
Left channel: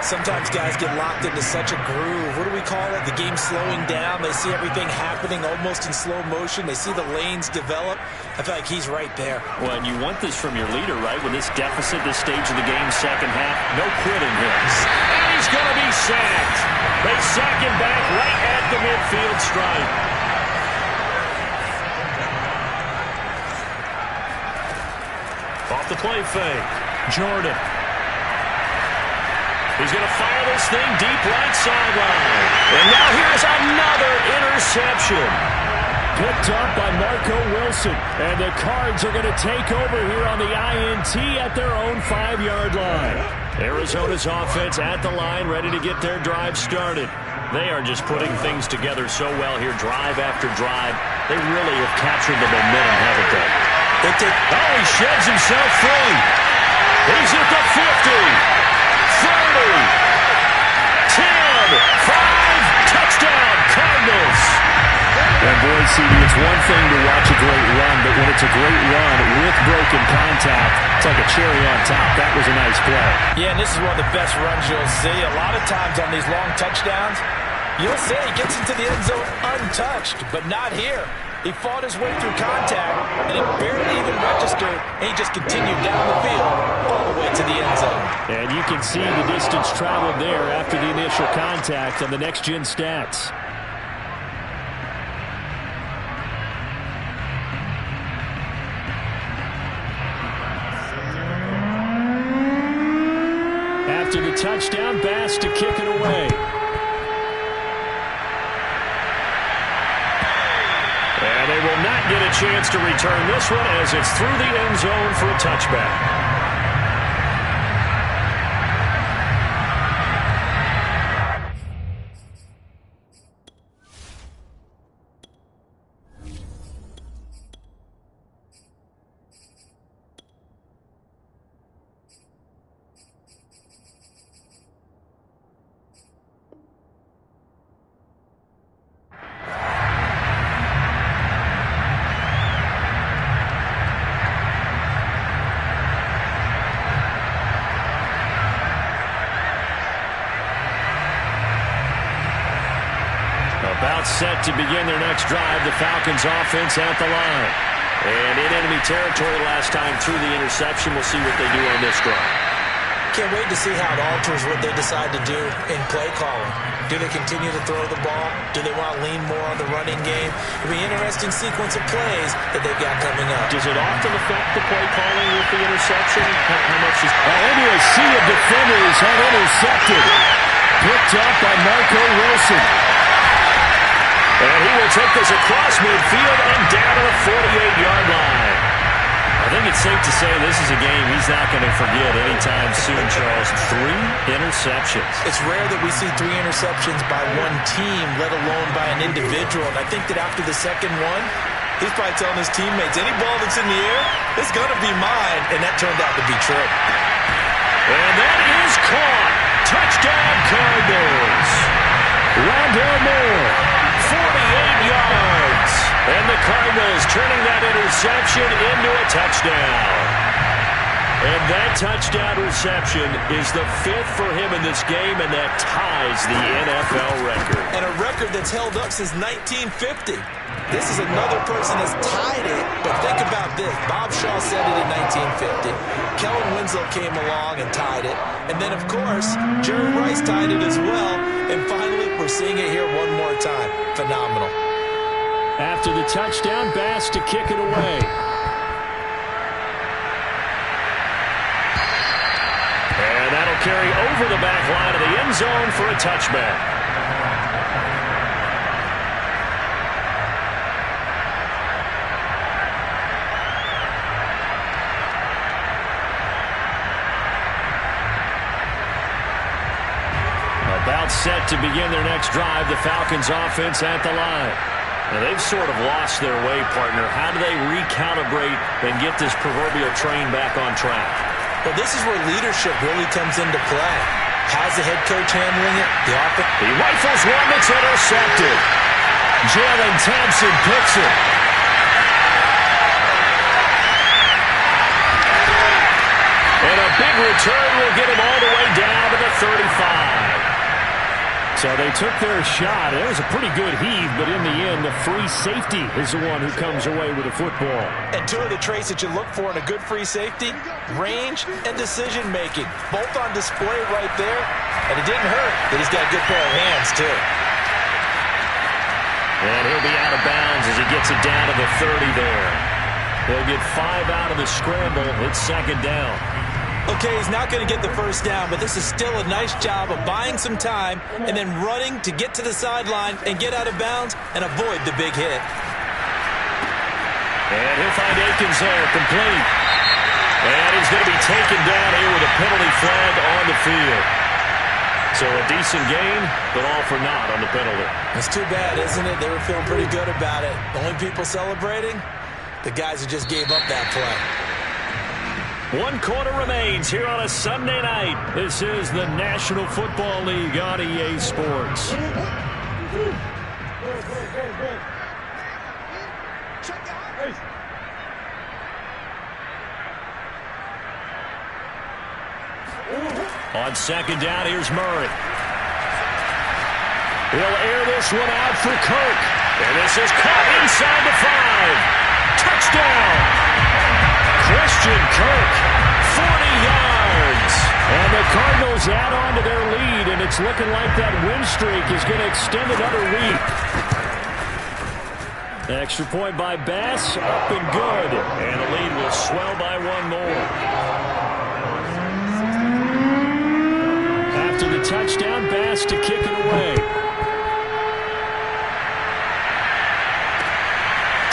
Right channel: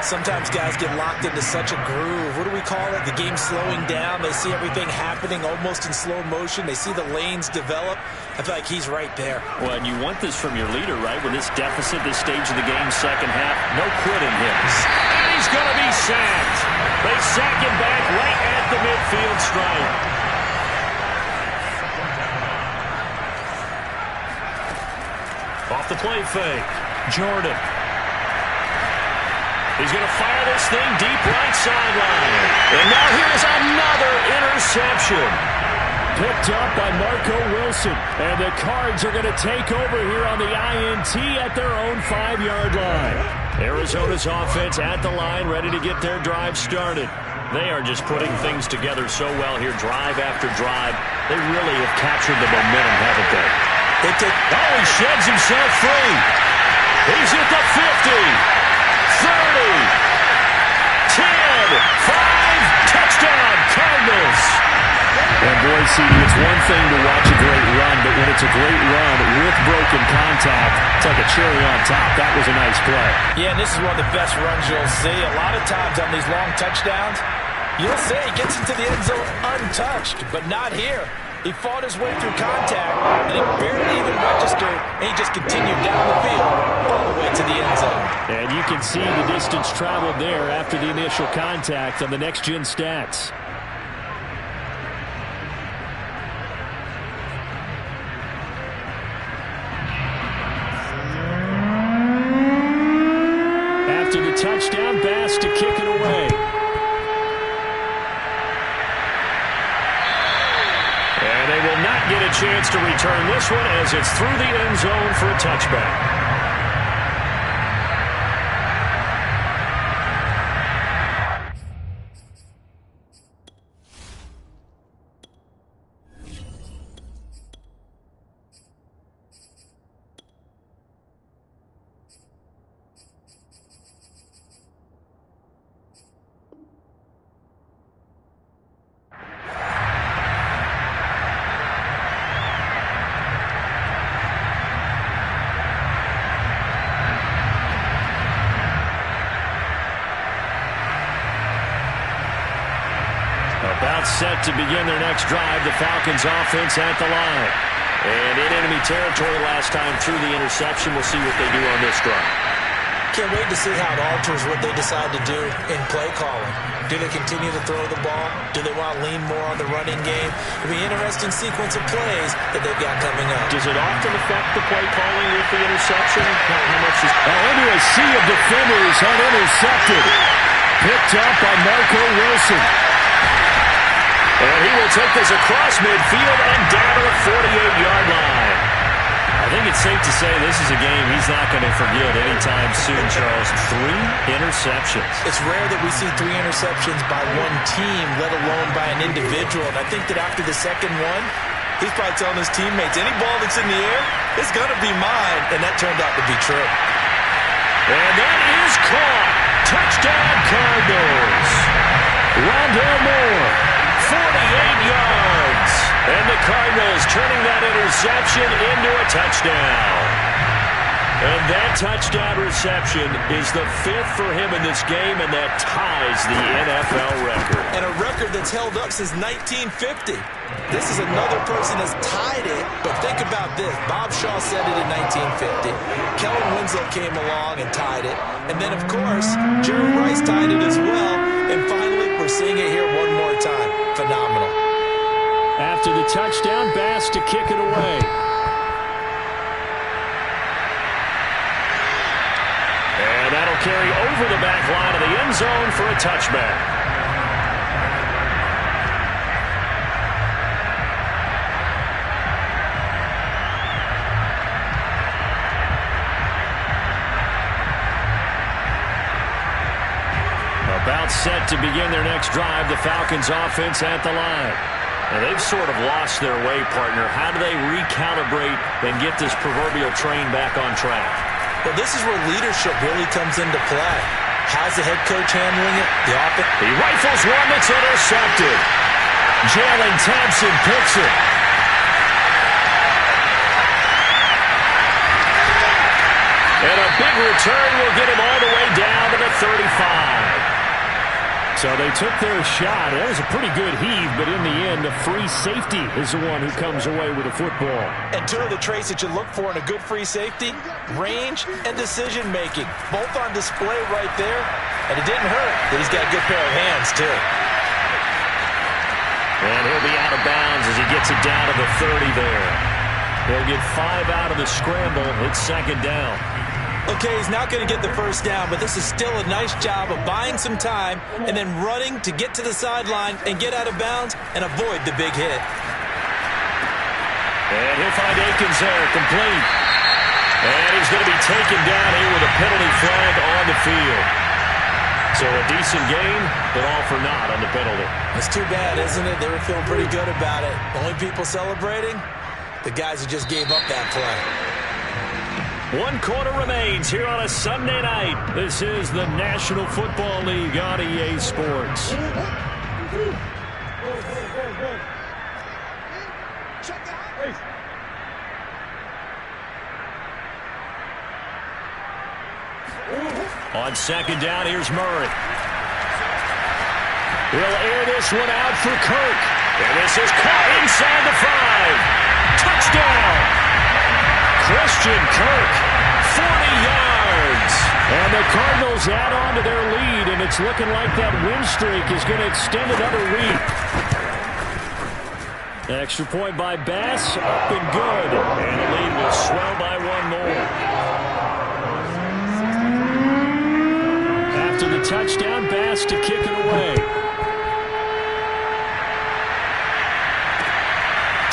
Sometimes guys get locked into such a groove. What do we call it? The game slowing down. They see everything happening almost in slow motion. They see the lanes develop. I feel like he's right there. Well, and you want this from your leader, right? With this deficit, this stage of the game, second half, no quitting him. And he's going to be sacked. They sack him back right at the midfield stripe. Off the play fake. Jordan. He's going to fire this thing deep right sideline. And now here's another interception. Picked up by Marco Wilson. And the Cards are going to take over here on the INT at their own 5-yard line. Arizona's offense at the line, ready to get their drive started. They are just putting things together so well here, drive after drive. They really have captured the momentum, haven't they? Oh, he sheds himself free. He's at the 50. 30, 10, 5, touchdown, Cardinals. And boy, CD, it's one thing to watch a great run, but when it's a great run with broken contact, it's like a cherry on top. That was a nice play. Yeah, and this is one of the best runs you'll see. A lot of times on these long touchdowns, you'll say he gets into the end zone untouched, but not here. He fought his way through contact, and it barely even registered, and he just continued down the field all the way to the end zone. And you can see the distance traveled there after the initial contact on the next-gen stats. After the touchdown, Bass to kick it away. And they will not get a chance to return this one as it's through the end zone for a touchback. About set to begin their next drive. The Falcons offense at the line. And in enemy territory last time through the interception. We'll see what they do on this drive. Can't wait to see how it alters what they decide to do in play calling. Do they continue to throw the ball? Do they want to lean more on the running game? It'll be an interesting sequence of plays that they've got coming up. Does it often affect the play calling with the interception? How much is... Into a sea of defenders and intercepted. Picked up by Marco Wilson. And he will take this across midfield and down to the 48-yard line. I think it's safe to say this is a game he's not going to forget anytime soon, Charles. 3 interceptions. It's rare that we see 3 interceptions by one team, let alone by an individual. And I think that after the second one, he's probably telling his teammates, any ball that's in the air, it's going to be mine. And that turned out to be true. And that is caught. Touchdown, Cardinals. Rondell Moore, 48 yards. And the Cardinals turning that interception into a touchdown. And that touchdown reception is the 5th for him in this game, and that ties the NFL record. And a record that's held up since 1950. This is another person that's tied it, but think about this. Bob Shaw said it in 1950. Kellen Winslow came along and tied it. And then, of course, Jerry Rice tied it as well. And finally, we're seeing it here one more time. Phenomenal. After the touchdown, Bass to kick it away. And that'll carry over the back line of the end zone for a touchback. About set to begin their next drive, the Falcons offense at the line. Now, they've sort of lost their way, partner. How do they recalibrate and get this proverbial train back on track? Well, this is where leadership really comes into play. How's the head coach handling it? The offense. He rifles one that's intercepted. Jalen Thompson picks it. And a big return will get him all the way down to the 35. So they took their shot. It was a pretty good heave, but in the end, the free safety is the one who comes away with the football. And 2 of the traits that you look for in a good free safety, range and decision-making, both on display right there. And it didn't hurt that he's got a good pair of hands, too. And he'll be out of bounds as he gets it down to the 30 there. He'll get 5 out of the scramble. It's second down. Okay, he's not going to get the first down, but this is still a nice job of buying some time and then running to get to the sideline and get out of bounds and avoid the big hit. And he'll find Akins there, complete. And he's going to be taken down here with a penalty flag on the field. So a decent gain, but all for naught on the penalty. It's too bad, isn't it? They were feeling pretty good about it. The only people celebrating, the guys who just gave up that play. 1 quarter remains here on a Sunday night. This is the National Football League on EA Sports. On second down, here's Murray. He'll air this one out for Kirk. And this is caught inside the 5. Touchdown! Christian Kirk, 40 yards. And the Cardinals add on to their lead, and it's looking like that win streak is going to extend another week. Extra point by Bass, up and good. And the lead will swell by 1 more. After the touchdown, Bass to kick it away.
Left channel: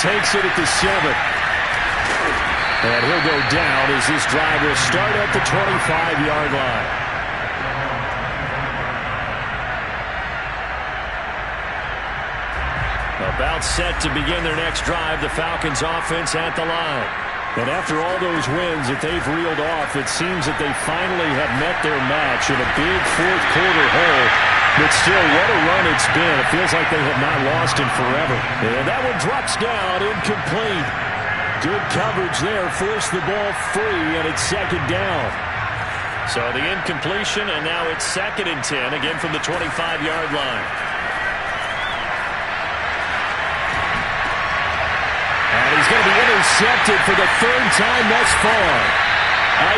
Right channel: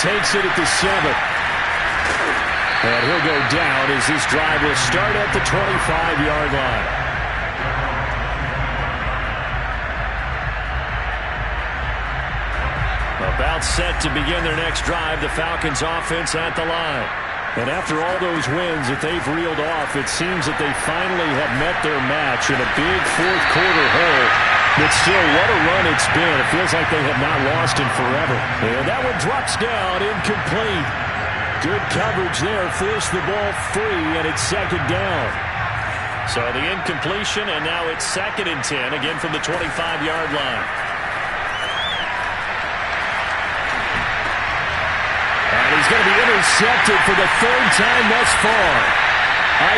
Takes it at the 7. And he'll go down as this drive will start at the 25-yard line. About set to begin their next drive, the Falcons offense at the line. And after all those wins that they've reeled off, it seems that they finally have met their match in a big fourth-quarter hole. But still, what a run it's been. It feels like they have not lost in forever. And that one drops down, incomplete. Good coverage there, forced the ball free, and it's second down. So the incompletion, and now it's 2nd and 10, again from the 25-yard line. And he's going to be intercepted for the 3rd time thus far.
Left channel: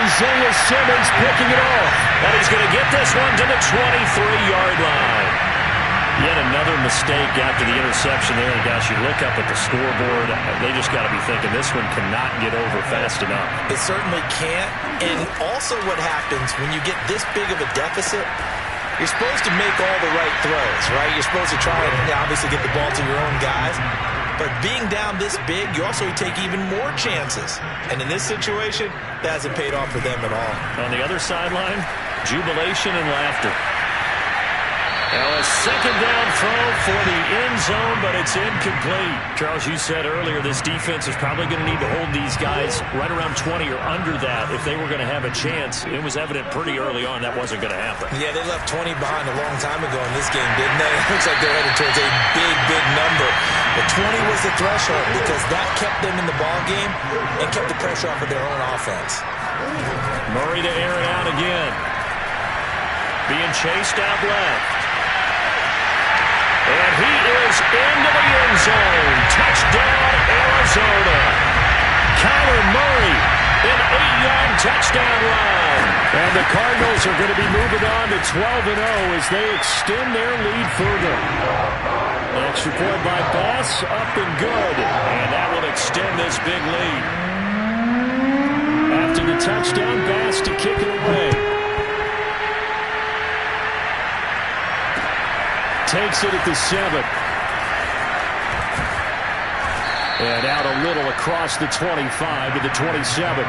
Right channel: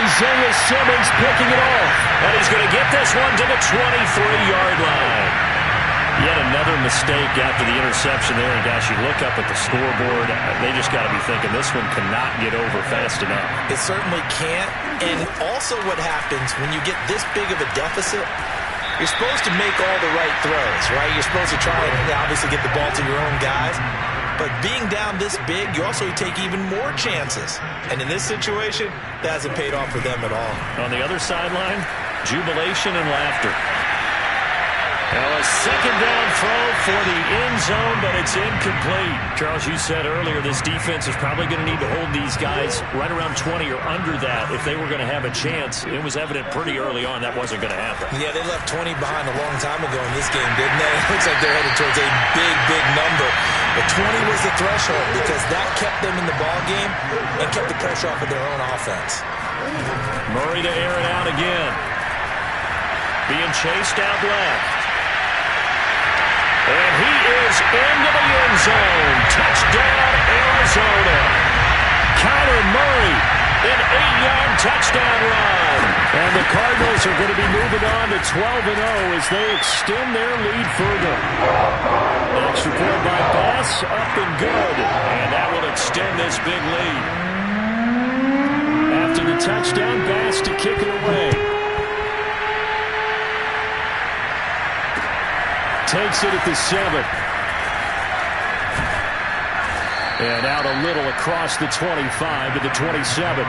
Isaiah Simmons picking it off. And he's going to get this one to the 23-yard line. Yet another mistake after the interception there. And, gosh, you look up at the scoreboard, they just got to be thinking this one cannot get over fast enough. It certainly can't. And also what happens when you get this big of a deficit, You're supposed to make all the right throws, right? You're supposed to try and obviously get the ball to your own guys. But being down this big, you also take even more chances. And in this situation, that hasn't paid off for them at all. On the other sideline, jubilation and laughter. Now a second down throw for the end zone, but it's incomplete. Charles, you said earlier this defense is probably going to need to hold these guys right around 20 or under that if they were going to have a chance. It was evident pretty early on that wasn't going to happen. Yeah, they left 20 behind a long time ago in this game, didn't they? It looks like they're headed towards a big, big number. But 20 was the threshold because that kept them in the ball game and kept the pressure off of their own offense. Murray to air it out again. Being chased out left. And he is into the end zone. Touchdown, Arizona. Kyler Murray, an 8-yard touchdown run. And the Cardinals are going to be moving on to 12-0 as they extend their lead further. Extra point by Bass, up and good. And that will extend this big lead. After the touchdown, Bass to kick it away. Takes it at the 7. And out a little across the 25 to the 27.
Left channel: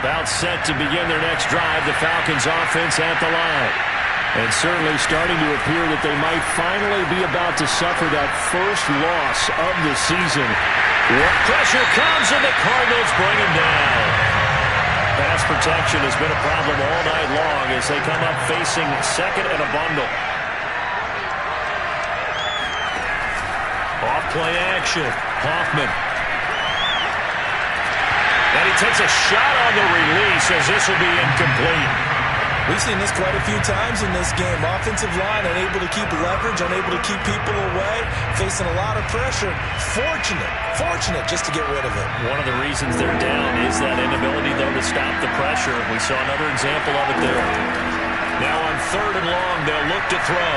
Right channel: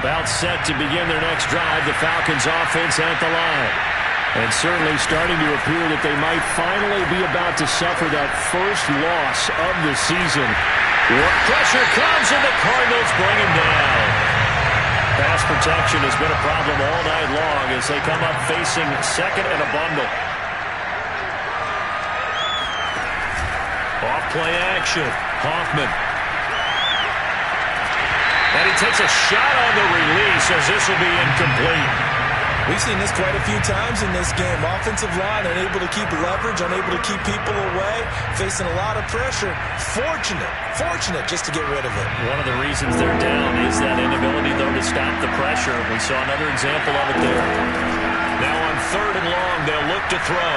About set to begin their next drive, the Falcons offense at the line. And certainly starting to appear that they might finally be about to suffer that first loss of the season. Pressure comes and the Cardinals bring him down. Pass protection has been a problem all night long as they come up facing second and a bundle. Off play action. Hoffman. And he takes a shot on the release as this will be incomplete. We've seen this quite a few times in this game. Offensive line unable to keep leverage, unable to keep people away, facing a lot of pressure. Fortunate just to get rid of it. One of the reasons they're down is that inability, though, to stop the pressure. We saw another example of it there. Now on 3rd and long, they'll look to throw.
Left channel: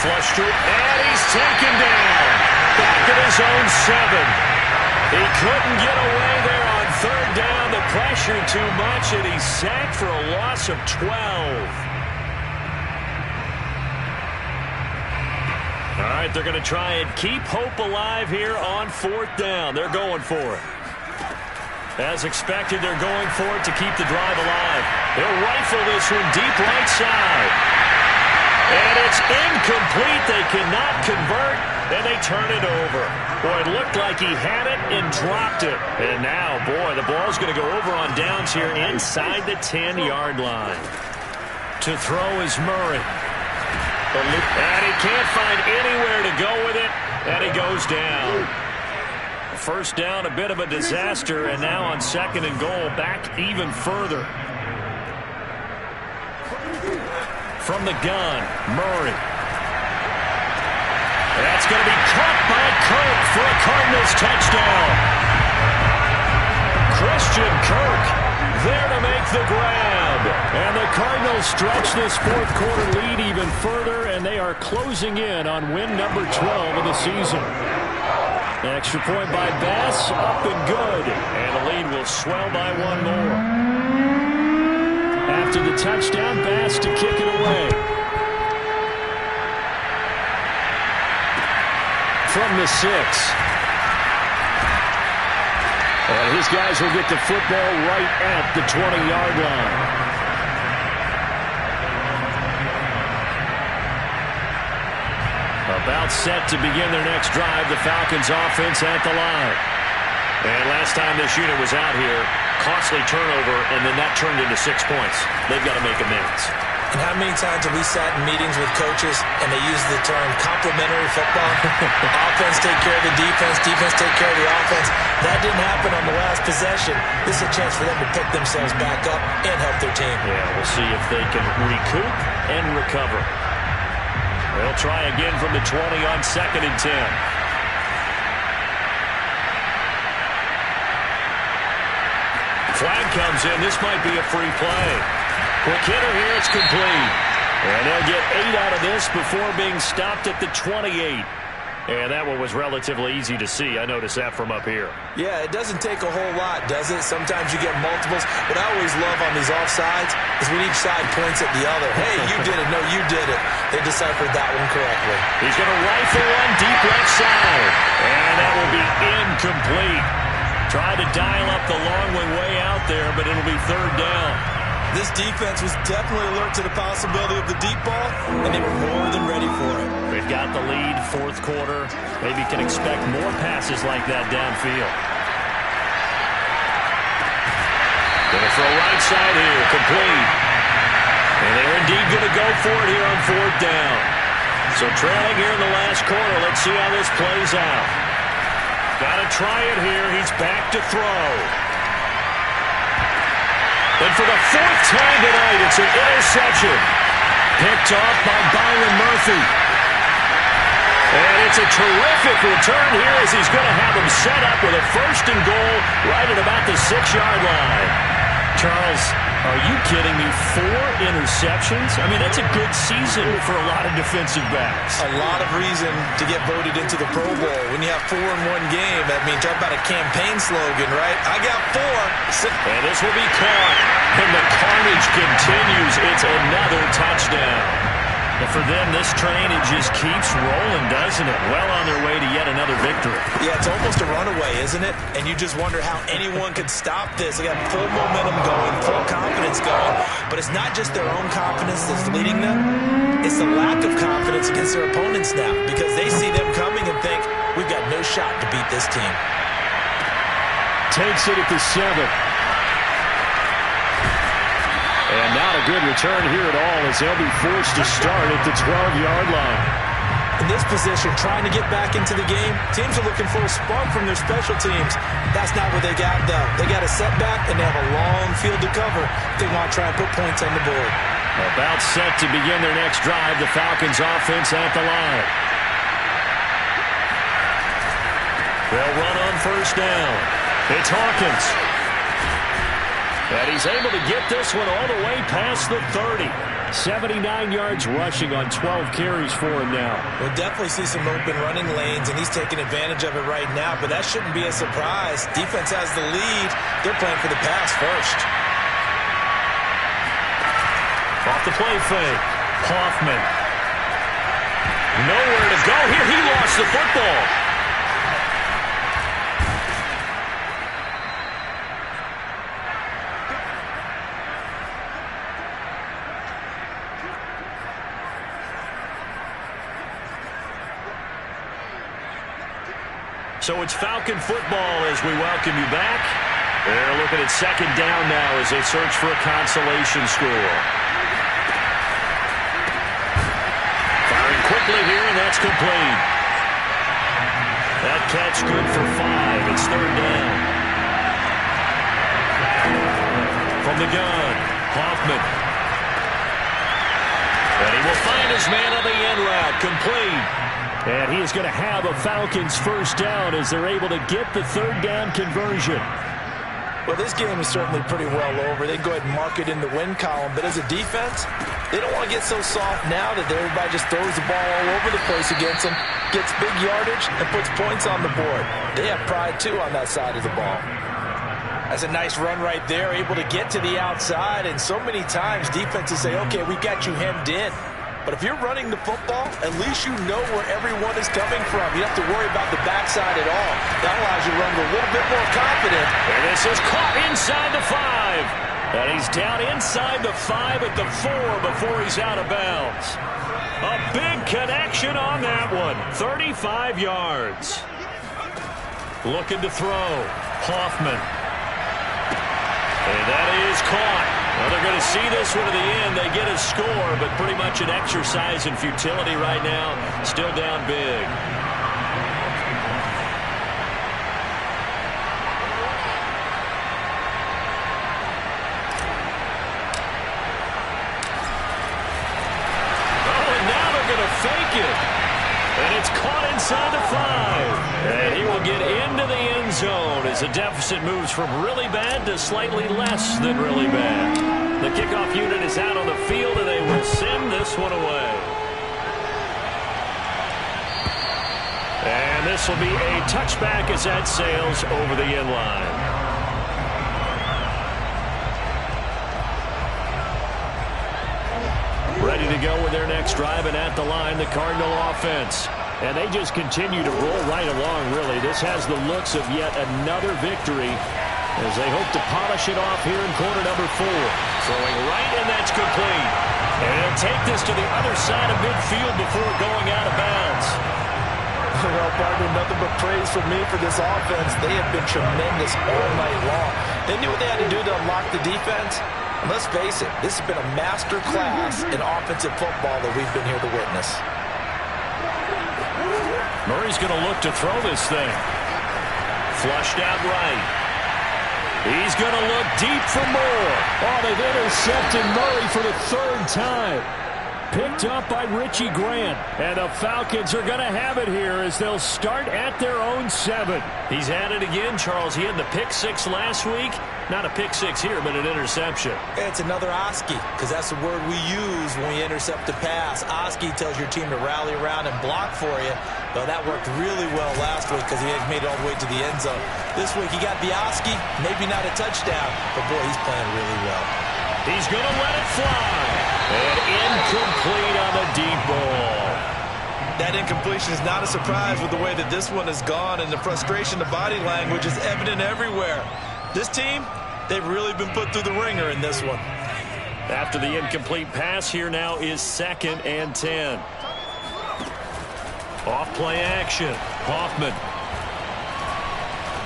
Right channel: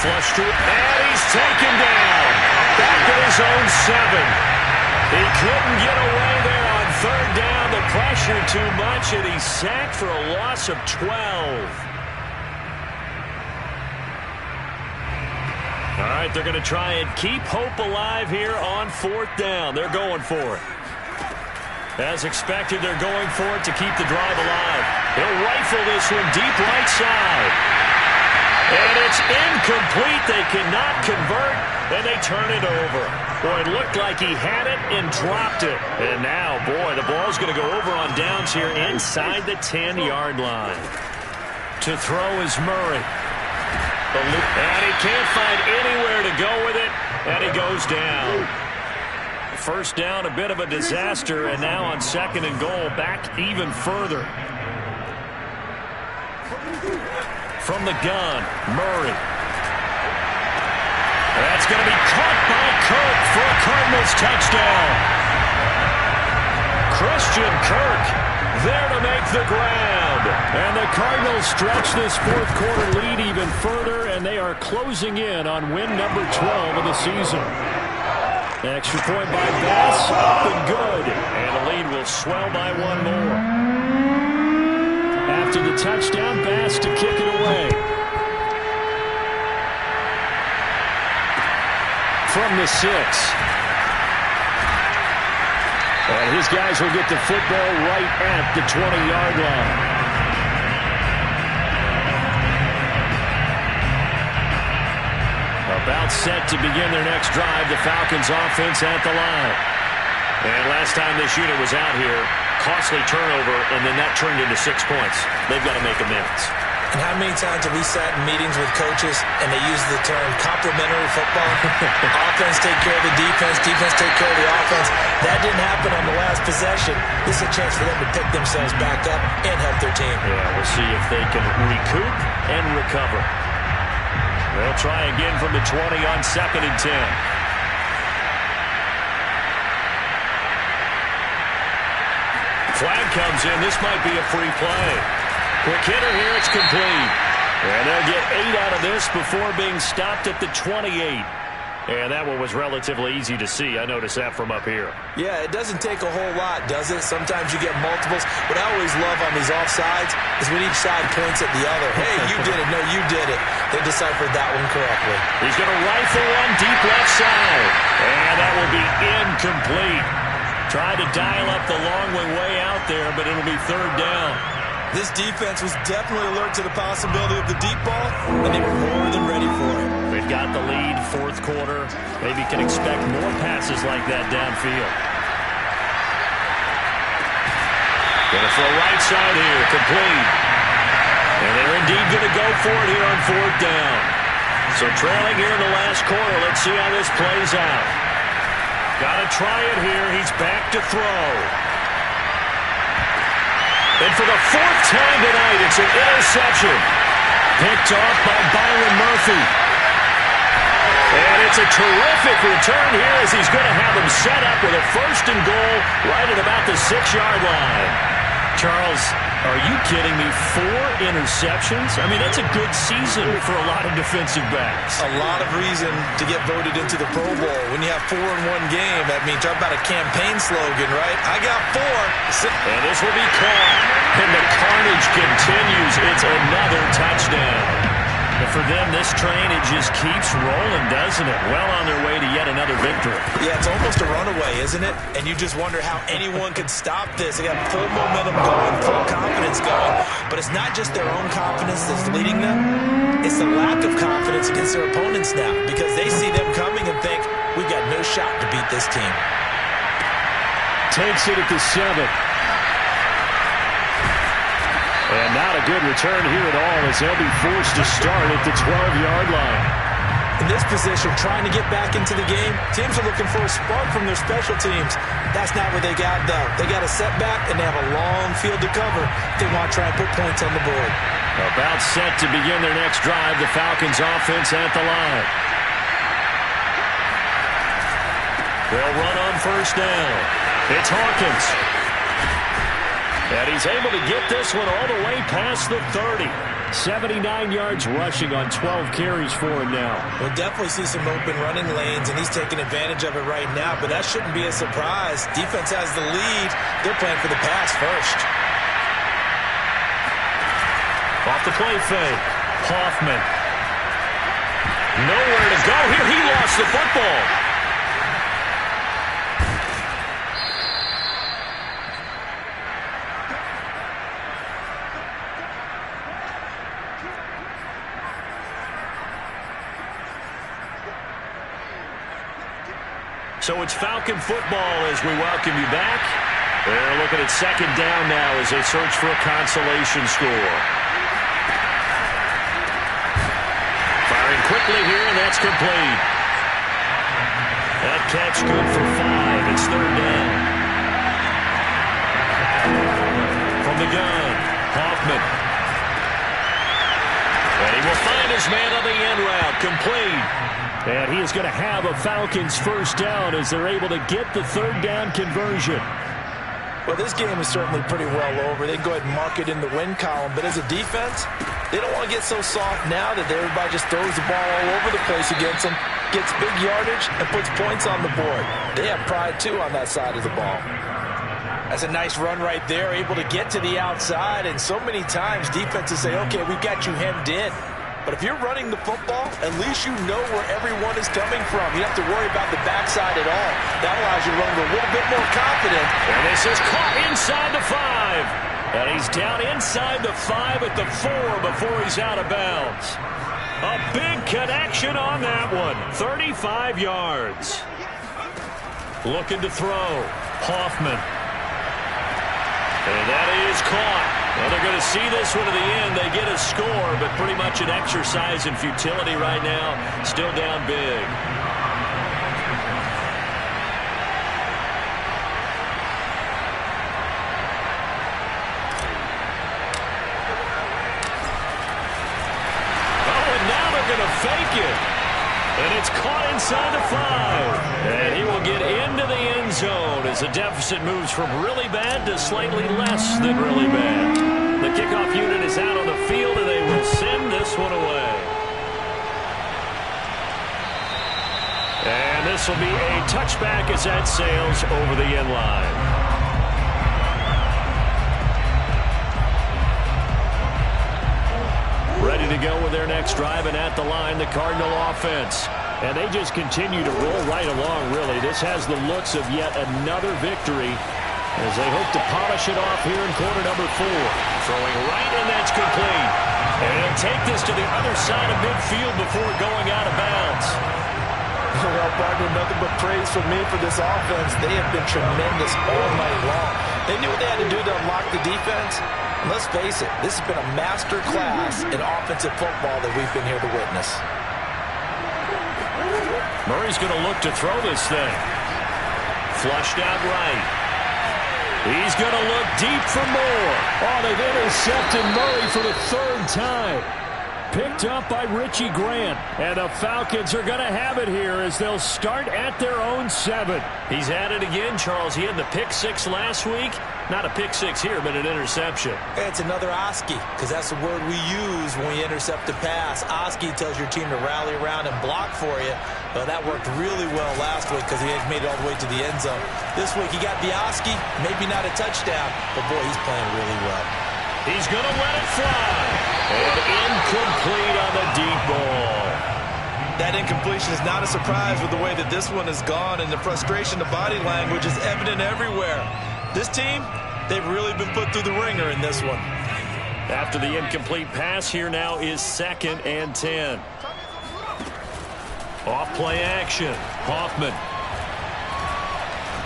Flush to it, and he's taken down. Back at his own 7. He couldn't get away there on 3rd down. The pressure too much, and he's sacked for a loss of 12. All right, they're going to try and keep hope alive here on 4th down. They're going for it. As expected, they're going for it to keep the drive alive. He'll rifle this one deep right side. And it's incomplete. They cannot convert, and they turn it over. Boy, it looked like he had it and dropped it. And now, boy, the ball's going to go over on downs here inside the 10-yard line. To throw is Murray. And he can't find anywhere to go with it, and he goes down. First down, a bit of a disaster, and now on 2nd and goal, back even further. From the gun, Murray. That's going to be caught by Kirk for a Cardinals touchdown. Christian Kirk there to make the grab. And the Cardinals stretch this 4th quarter lead even further, and they are closing in on win number 12 of the season. Extra point by Bass, up and good. And the lead will swell by 1 more. After the touchdown, Bass to kick it away. From the 6. And his guys will get the football right at the 20-yard line. About set to begin their next drive, the Falcons offense at the line. And last time this unit was out here, costly turnover, and then that turned into 6 points. They've got to make amends. And how many times have we sat in meetings with coaches and they use the term complementary football? Offense take care of the defense, defense take care of the offense. That didn't happen on the last possession. This is a chance for them to pick themselves back up and help their team. Yeah, we'll see if they can recoup and recover. They'll try again from the 20 on 2nd and 10. Flag comes in. This might be a free play. Quick hitter here. It's complete. And they'll get 8 out of this before being stopped at the 28. And that one was relatively easy to see. I noticed that from up here. Yeah, it doesn't take a whole lot, does it? Sometimes you get multiples. What I always love on these offsides is when each side points at the other. Hey, you did it. No, you did it. They deciphered that one correctly. He's going to rifle one deep left side. And that will be incomplete. Tried to dial up the long one way out there, but it'll be third down. This defense was definitely alert to the possibility of the deep ball, and they were more than ready for it. They've got the lead, fourth quarter. Maybe can expect more passes like that downfield. Going to throw right side here, complete. And they're indeed going to go for it here on fourth down. So trailing here in the last quarter. Let's see how this plays out. Got to try it here. He's back to throw. And for the fourth time tonight, it's an interception. Picked off by Byron Murphy. And it's a terrific return here as he's going to have him set up with a first and goal right at about the 6-yard line. Charles, are you kidding me? 4 interceptions? I mean, that's a good season for a lot of defensive backs. A lot of reason to get voted into the Pro Bowl. When you have 4 in one game, I mean, talk about a campaign slogan, right? I got 4. And this will be caught. And the carnage continues. It's another touchdown. And for them, this train, it just keeps rolling, doesn't it? Well on their way to yet another victory. Yeah, it's almost a runaway, isn't it? And you just wonder how anyone could stop this. They got full momentum going, full confidence going. But it's not just their own confidence that's leading them. It's the lack of confidence against their opponents now, because they see them coming and think, we've got no shot to beat this team. Takes it at the 7. And not a good return here at all as they'll be forced to start at the 12-yard line. In this position, trying to get back into the game, teams are looking for a spark from their special teams. That's not what they got, though. They got a setback, and they have a long field to cover if they want to try and put points on the board. About set to begin their next drive, the Falcons offense at the line. They'll run on first down. It's Hawkins. And he's able to get this one all the way past the 30. 79 yards rushing on 12 carries for him now. We'll definitely see some open running lanes, and he's taking advantage of it right now, but that shouldn't be a surprise. Defense has the lead. They're playing for the pass first. Off the play fake. Hoffman. Nowhere to go here. He lost the football. So it's Falcon football as we welcome you back. They're looking at second down now as they search for a consolation score. Firing quickly here, and that's complete. That catch good for 5. It's third down. From the gun, Hoffman. And he will find his man on the end route, complete. And he is going to have a Falcons first down as they're able to get the third down conversion. Well, this game is certainly pretty well over. They can go ahead and mark it in the win column. But as a defense, they don't want to get so soft now that everybody just throws the ball all over the place against them, gets big yardage, and puts points on the board. They have pride, too, on that side of the ball. That's a nice run right there, able to get to the outside. And so many times defenses say, okay, we've got you hemmed in. But if you're running the football, at least you know where everyone is coming from. You don't have to worry about the backside at all. That allows you to run with a little bit more confident. And this is caught inside the 5. And he's down inside the 5 at the 4 before he's out of bounds. A big connection on that one. 35 yards. Looking to throw. Hoffman. And that is caught. Well, they're going to see this one to the end. They get a score, but pretty much an exercise in futility right now. Still down big. Oh, and now they're going to fake it. And it's caught inside the 5. And he will get into the end zone as the deficit moves from really bad to slightly less than really bad. The kickoff unit is out on the field, and they will send this one away. And this will be a touchback as that sails over the end line. Ready to go with their next drive, and at the line, the Cardinal offense. And they just continue to roll right along, really. This has the looks of yet another victory as they hope to polish it off here in quarter number 4. Throwing right, and that's complete. And he'll take this to the other side of midfield before going out of bounds. Well, partner, nothing but praise from me for this offense. They have been tremendous all night long. They knew what they had to do to unlock the defense. And let's face it, this has been a master class in offensive football that we've been here to witness. Murray's going to look to throw this thing. Flushed out right. He's going to look deep for more. Oh, they've intercepted Murray for the 3rd time. Picked up by Richie Grant. And the Falcons are going to have it here as they'll start at their own 7. He's had it again, Charles. He had the pick 6 last week. Not a pick 6 here, but an interception. It's another Oski, because that's the word we use when we intercept a pass. Oski tells your team to rally around and block for you. Well, that worked really well last week because he had made it all the way to the end zone. This week he got the Oski, maybe not a touchdown, but boy, he's playing really well. He's going to let it fly. And incomplete on the deep ball. That incompletion is not a surprise with the way that this one has gone, and the frustration, the body language is evident everywhere. This team, they've really been put through the ringer in this one. After the incomplete pass, here now is 2nd and 10. Off play action. Hoffman.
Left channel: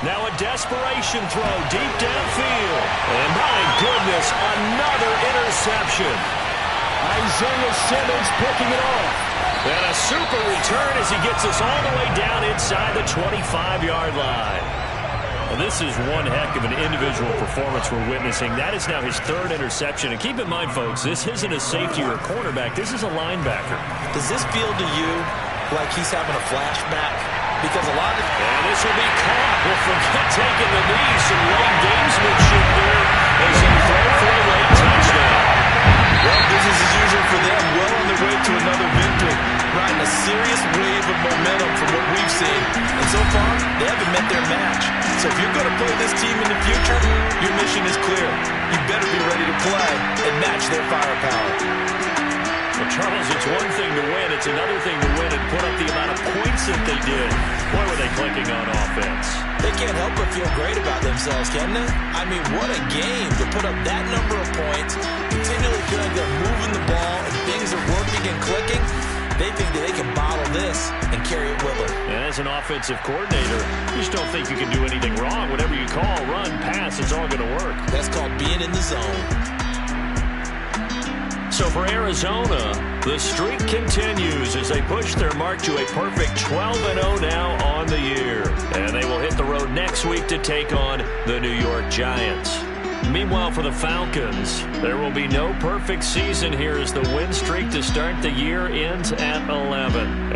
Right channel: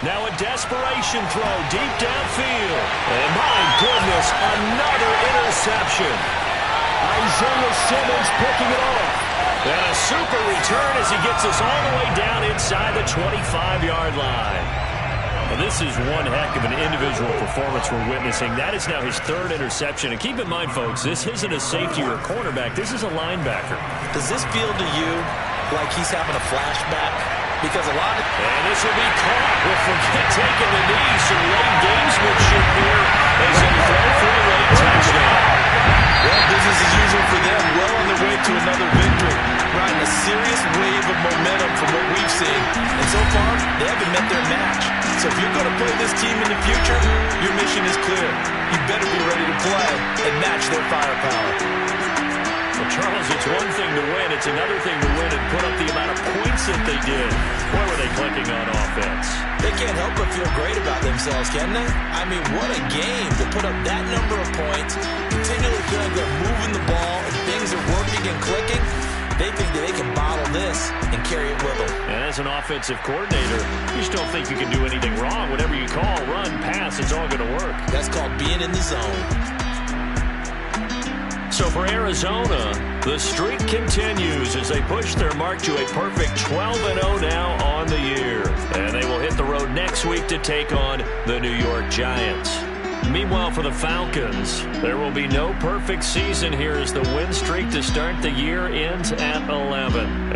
Now a desperation throw deep downfield. And my goodness, another interception. Isaiah Simmons picking it off. And a super return as he gets us all the way down inside the 25-yard line. Well, this is one heck of an individual performance we're witnessing. That is now his 3rd interception. And keep in mind, folks, this isn't a safety or a cornerback. This is a linebacker. Does this feel to you like he's having a flashback? Because a lot of... And this will be caught. Well, forget taking the knee. Some late gamesmanship here as they throw for a late touchdown. Well, business as usual for them. Well on their way to another victory. Riding a serious wave of momentum from what we've seen. And so far, they haven't met their match. So if you're going to play this team in the future, your mission is clear. You better be ready to play and match their firepower. Well, Charles, it's one thing to win. It's another thing to win and put up the amount of points that they did. Boy, were they clicking on offense. They can't help but feel great about themselves, can they? I mean, what a game to put up that number of points, continually feeling they're moving the ball and things are working and clicking. They think that they can bottle this and carry it with them. And as an offensive coordinator, you just don't think you can do anything wrong. Whatever you call, run, pass, it's all going to work. That's called being in the zone. So for Arizona, the streak continues as they push their mark to a perfect 12-0 now on the year. And they will hit the road next week to take on the New York Giants. Meanwhile, for the Falcons, there will be no perfect season here as the win streak to start the year ends at 11.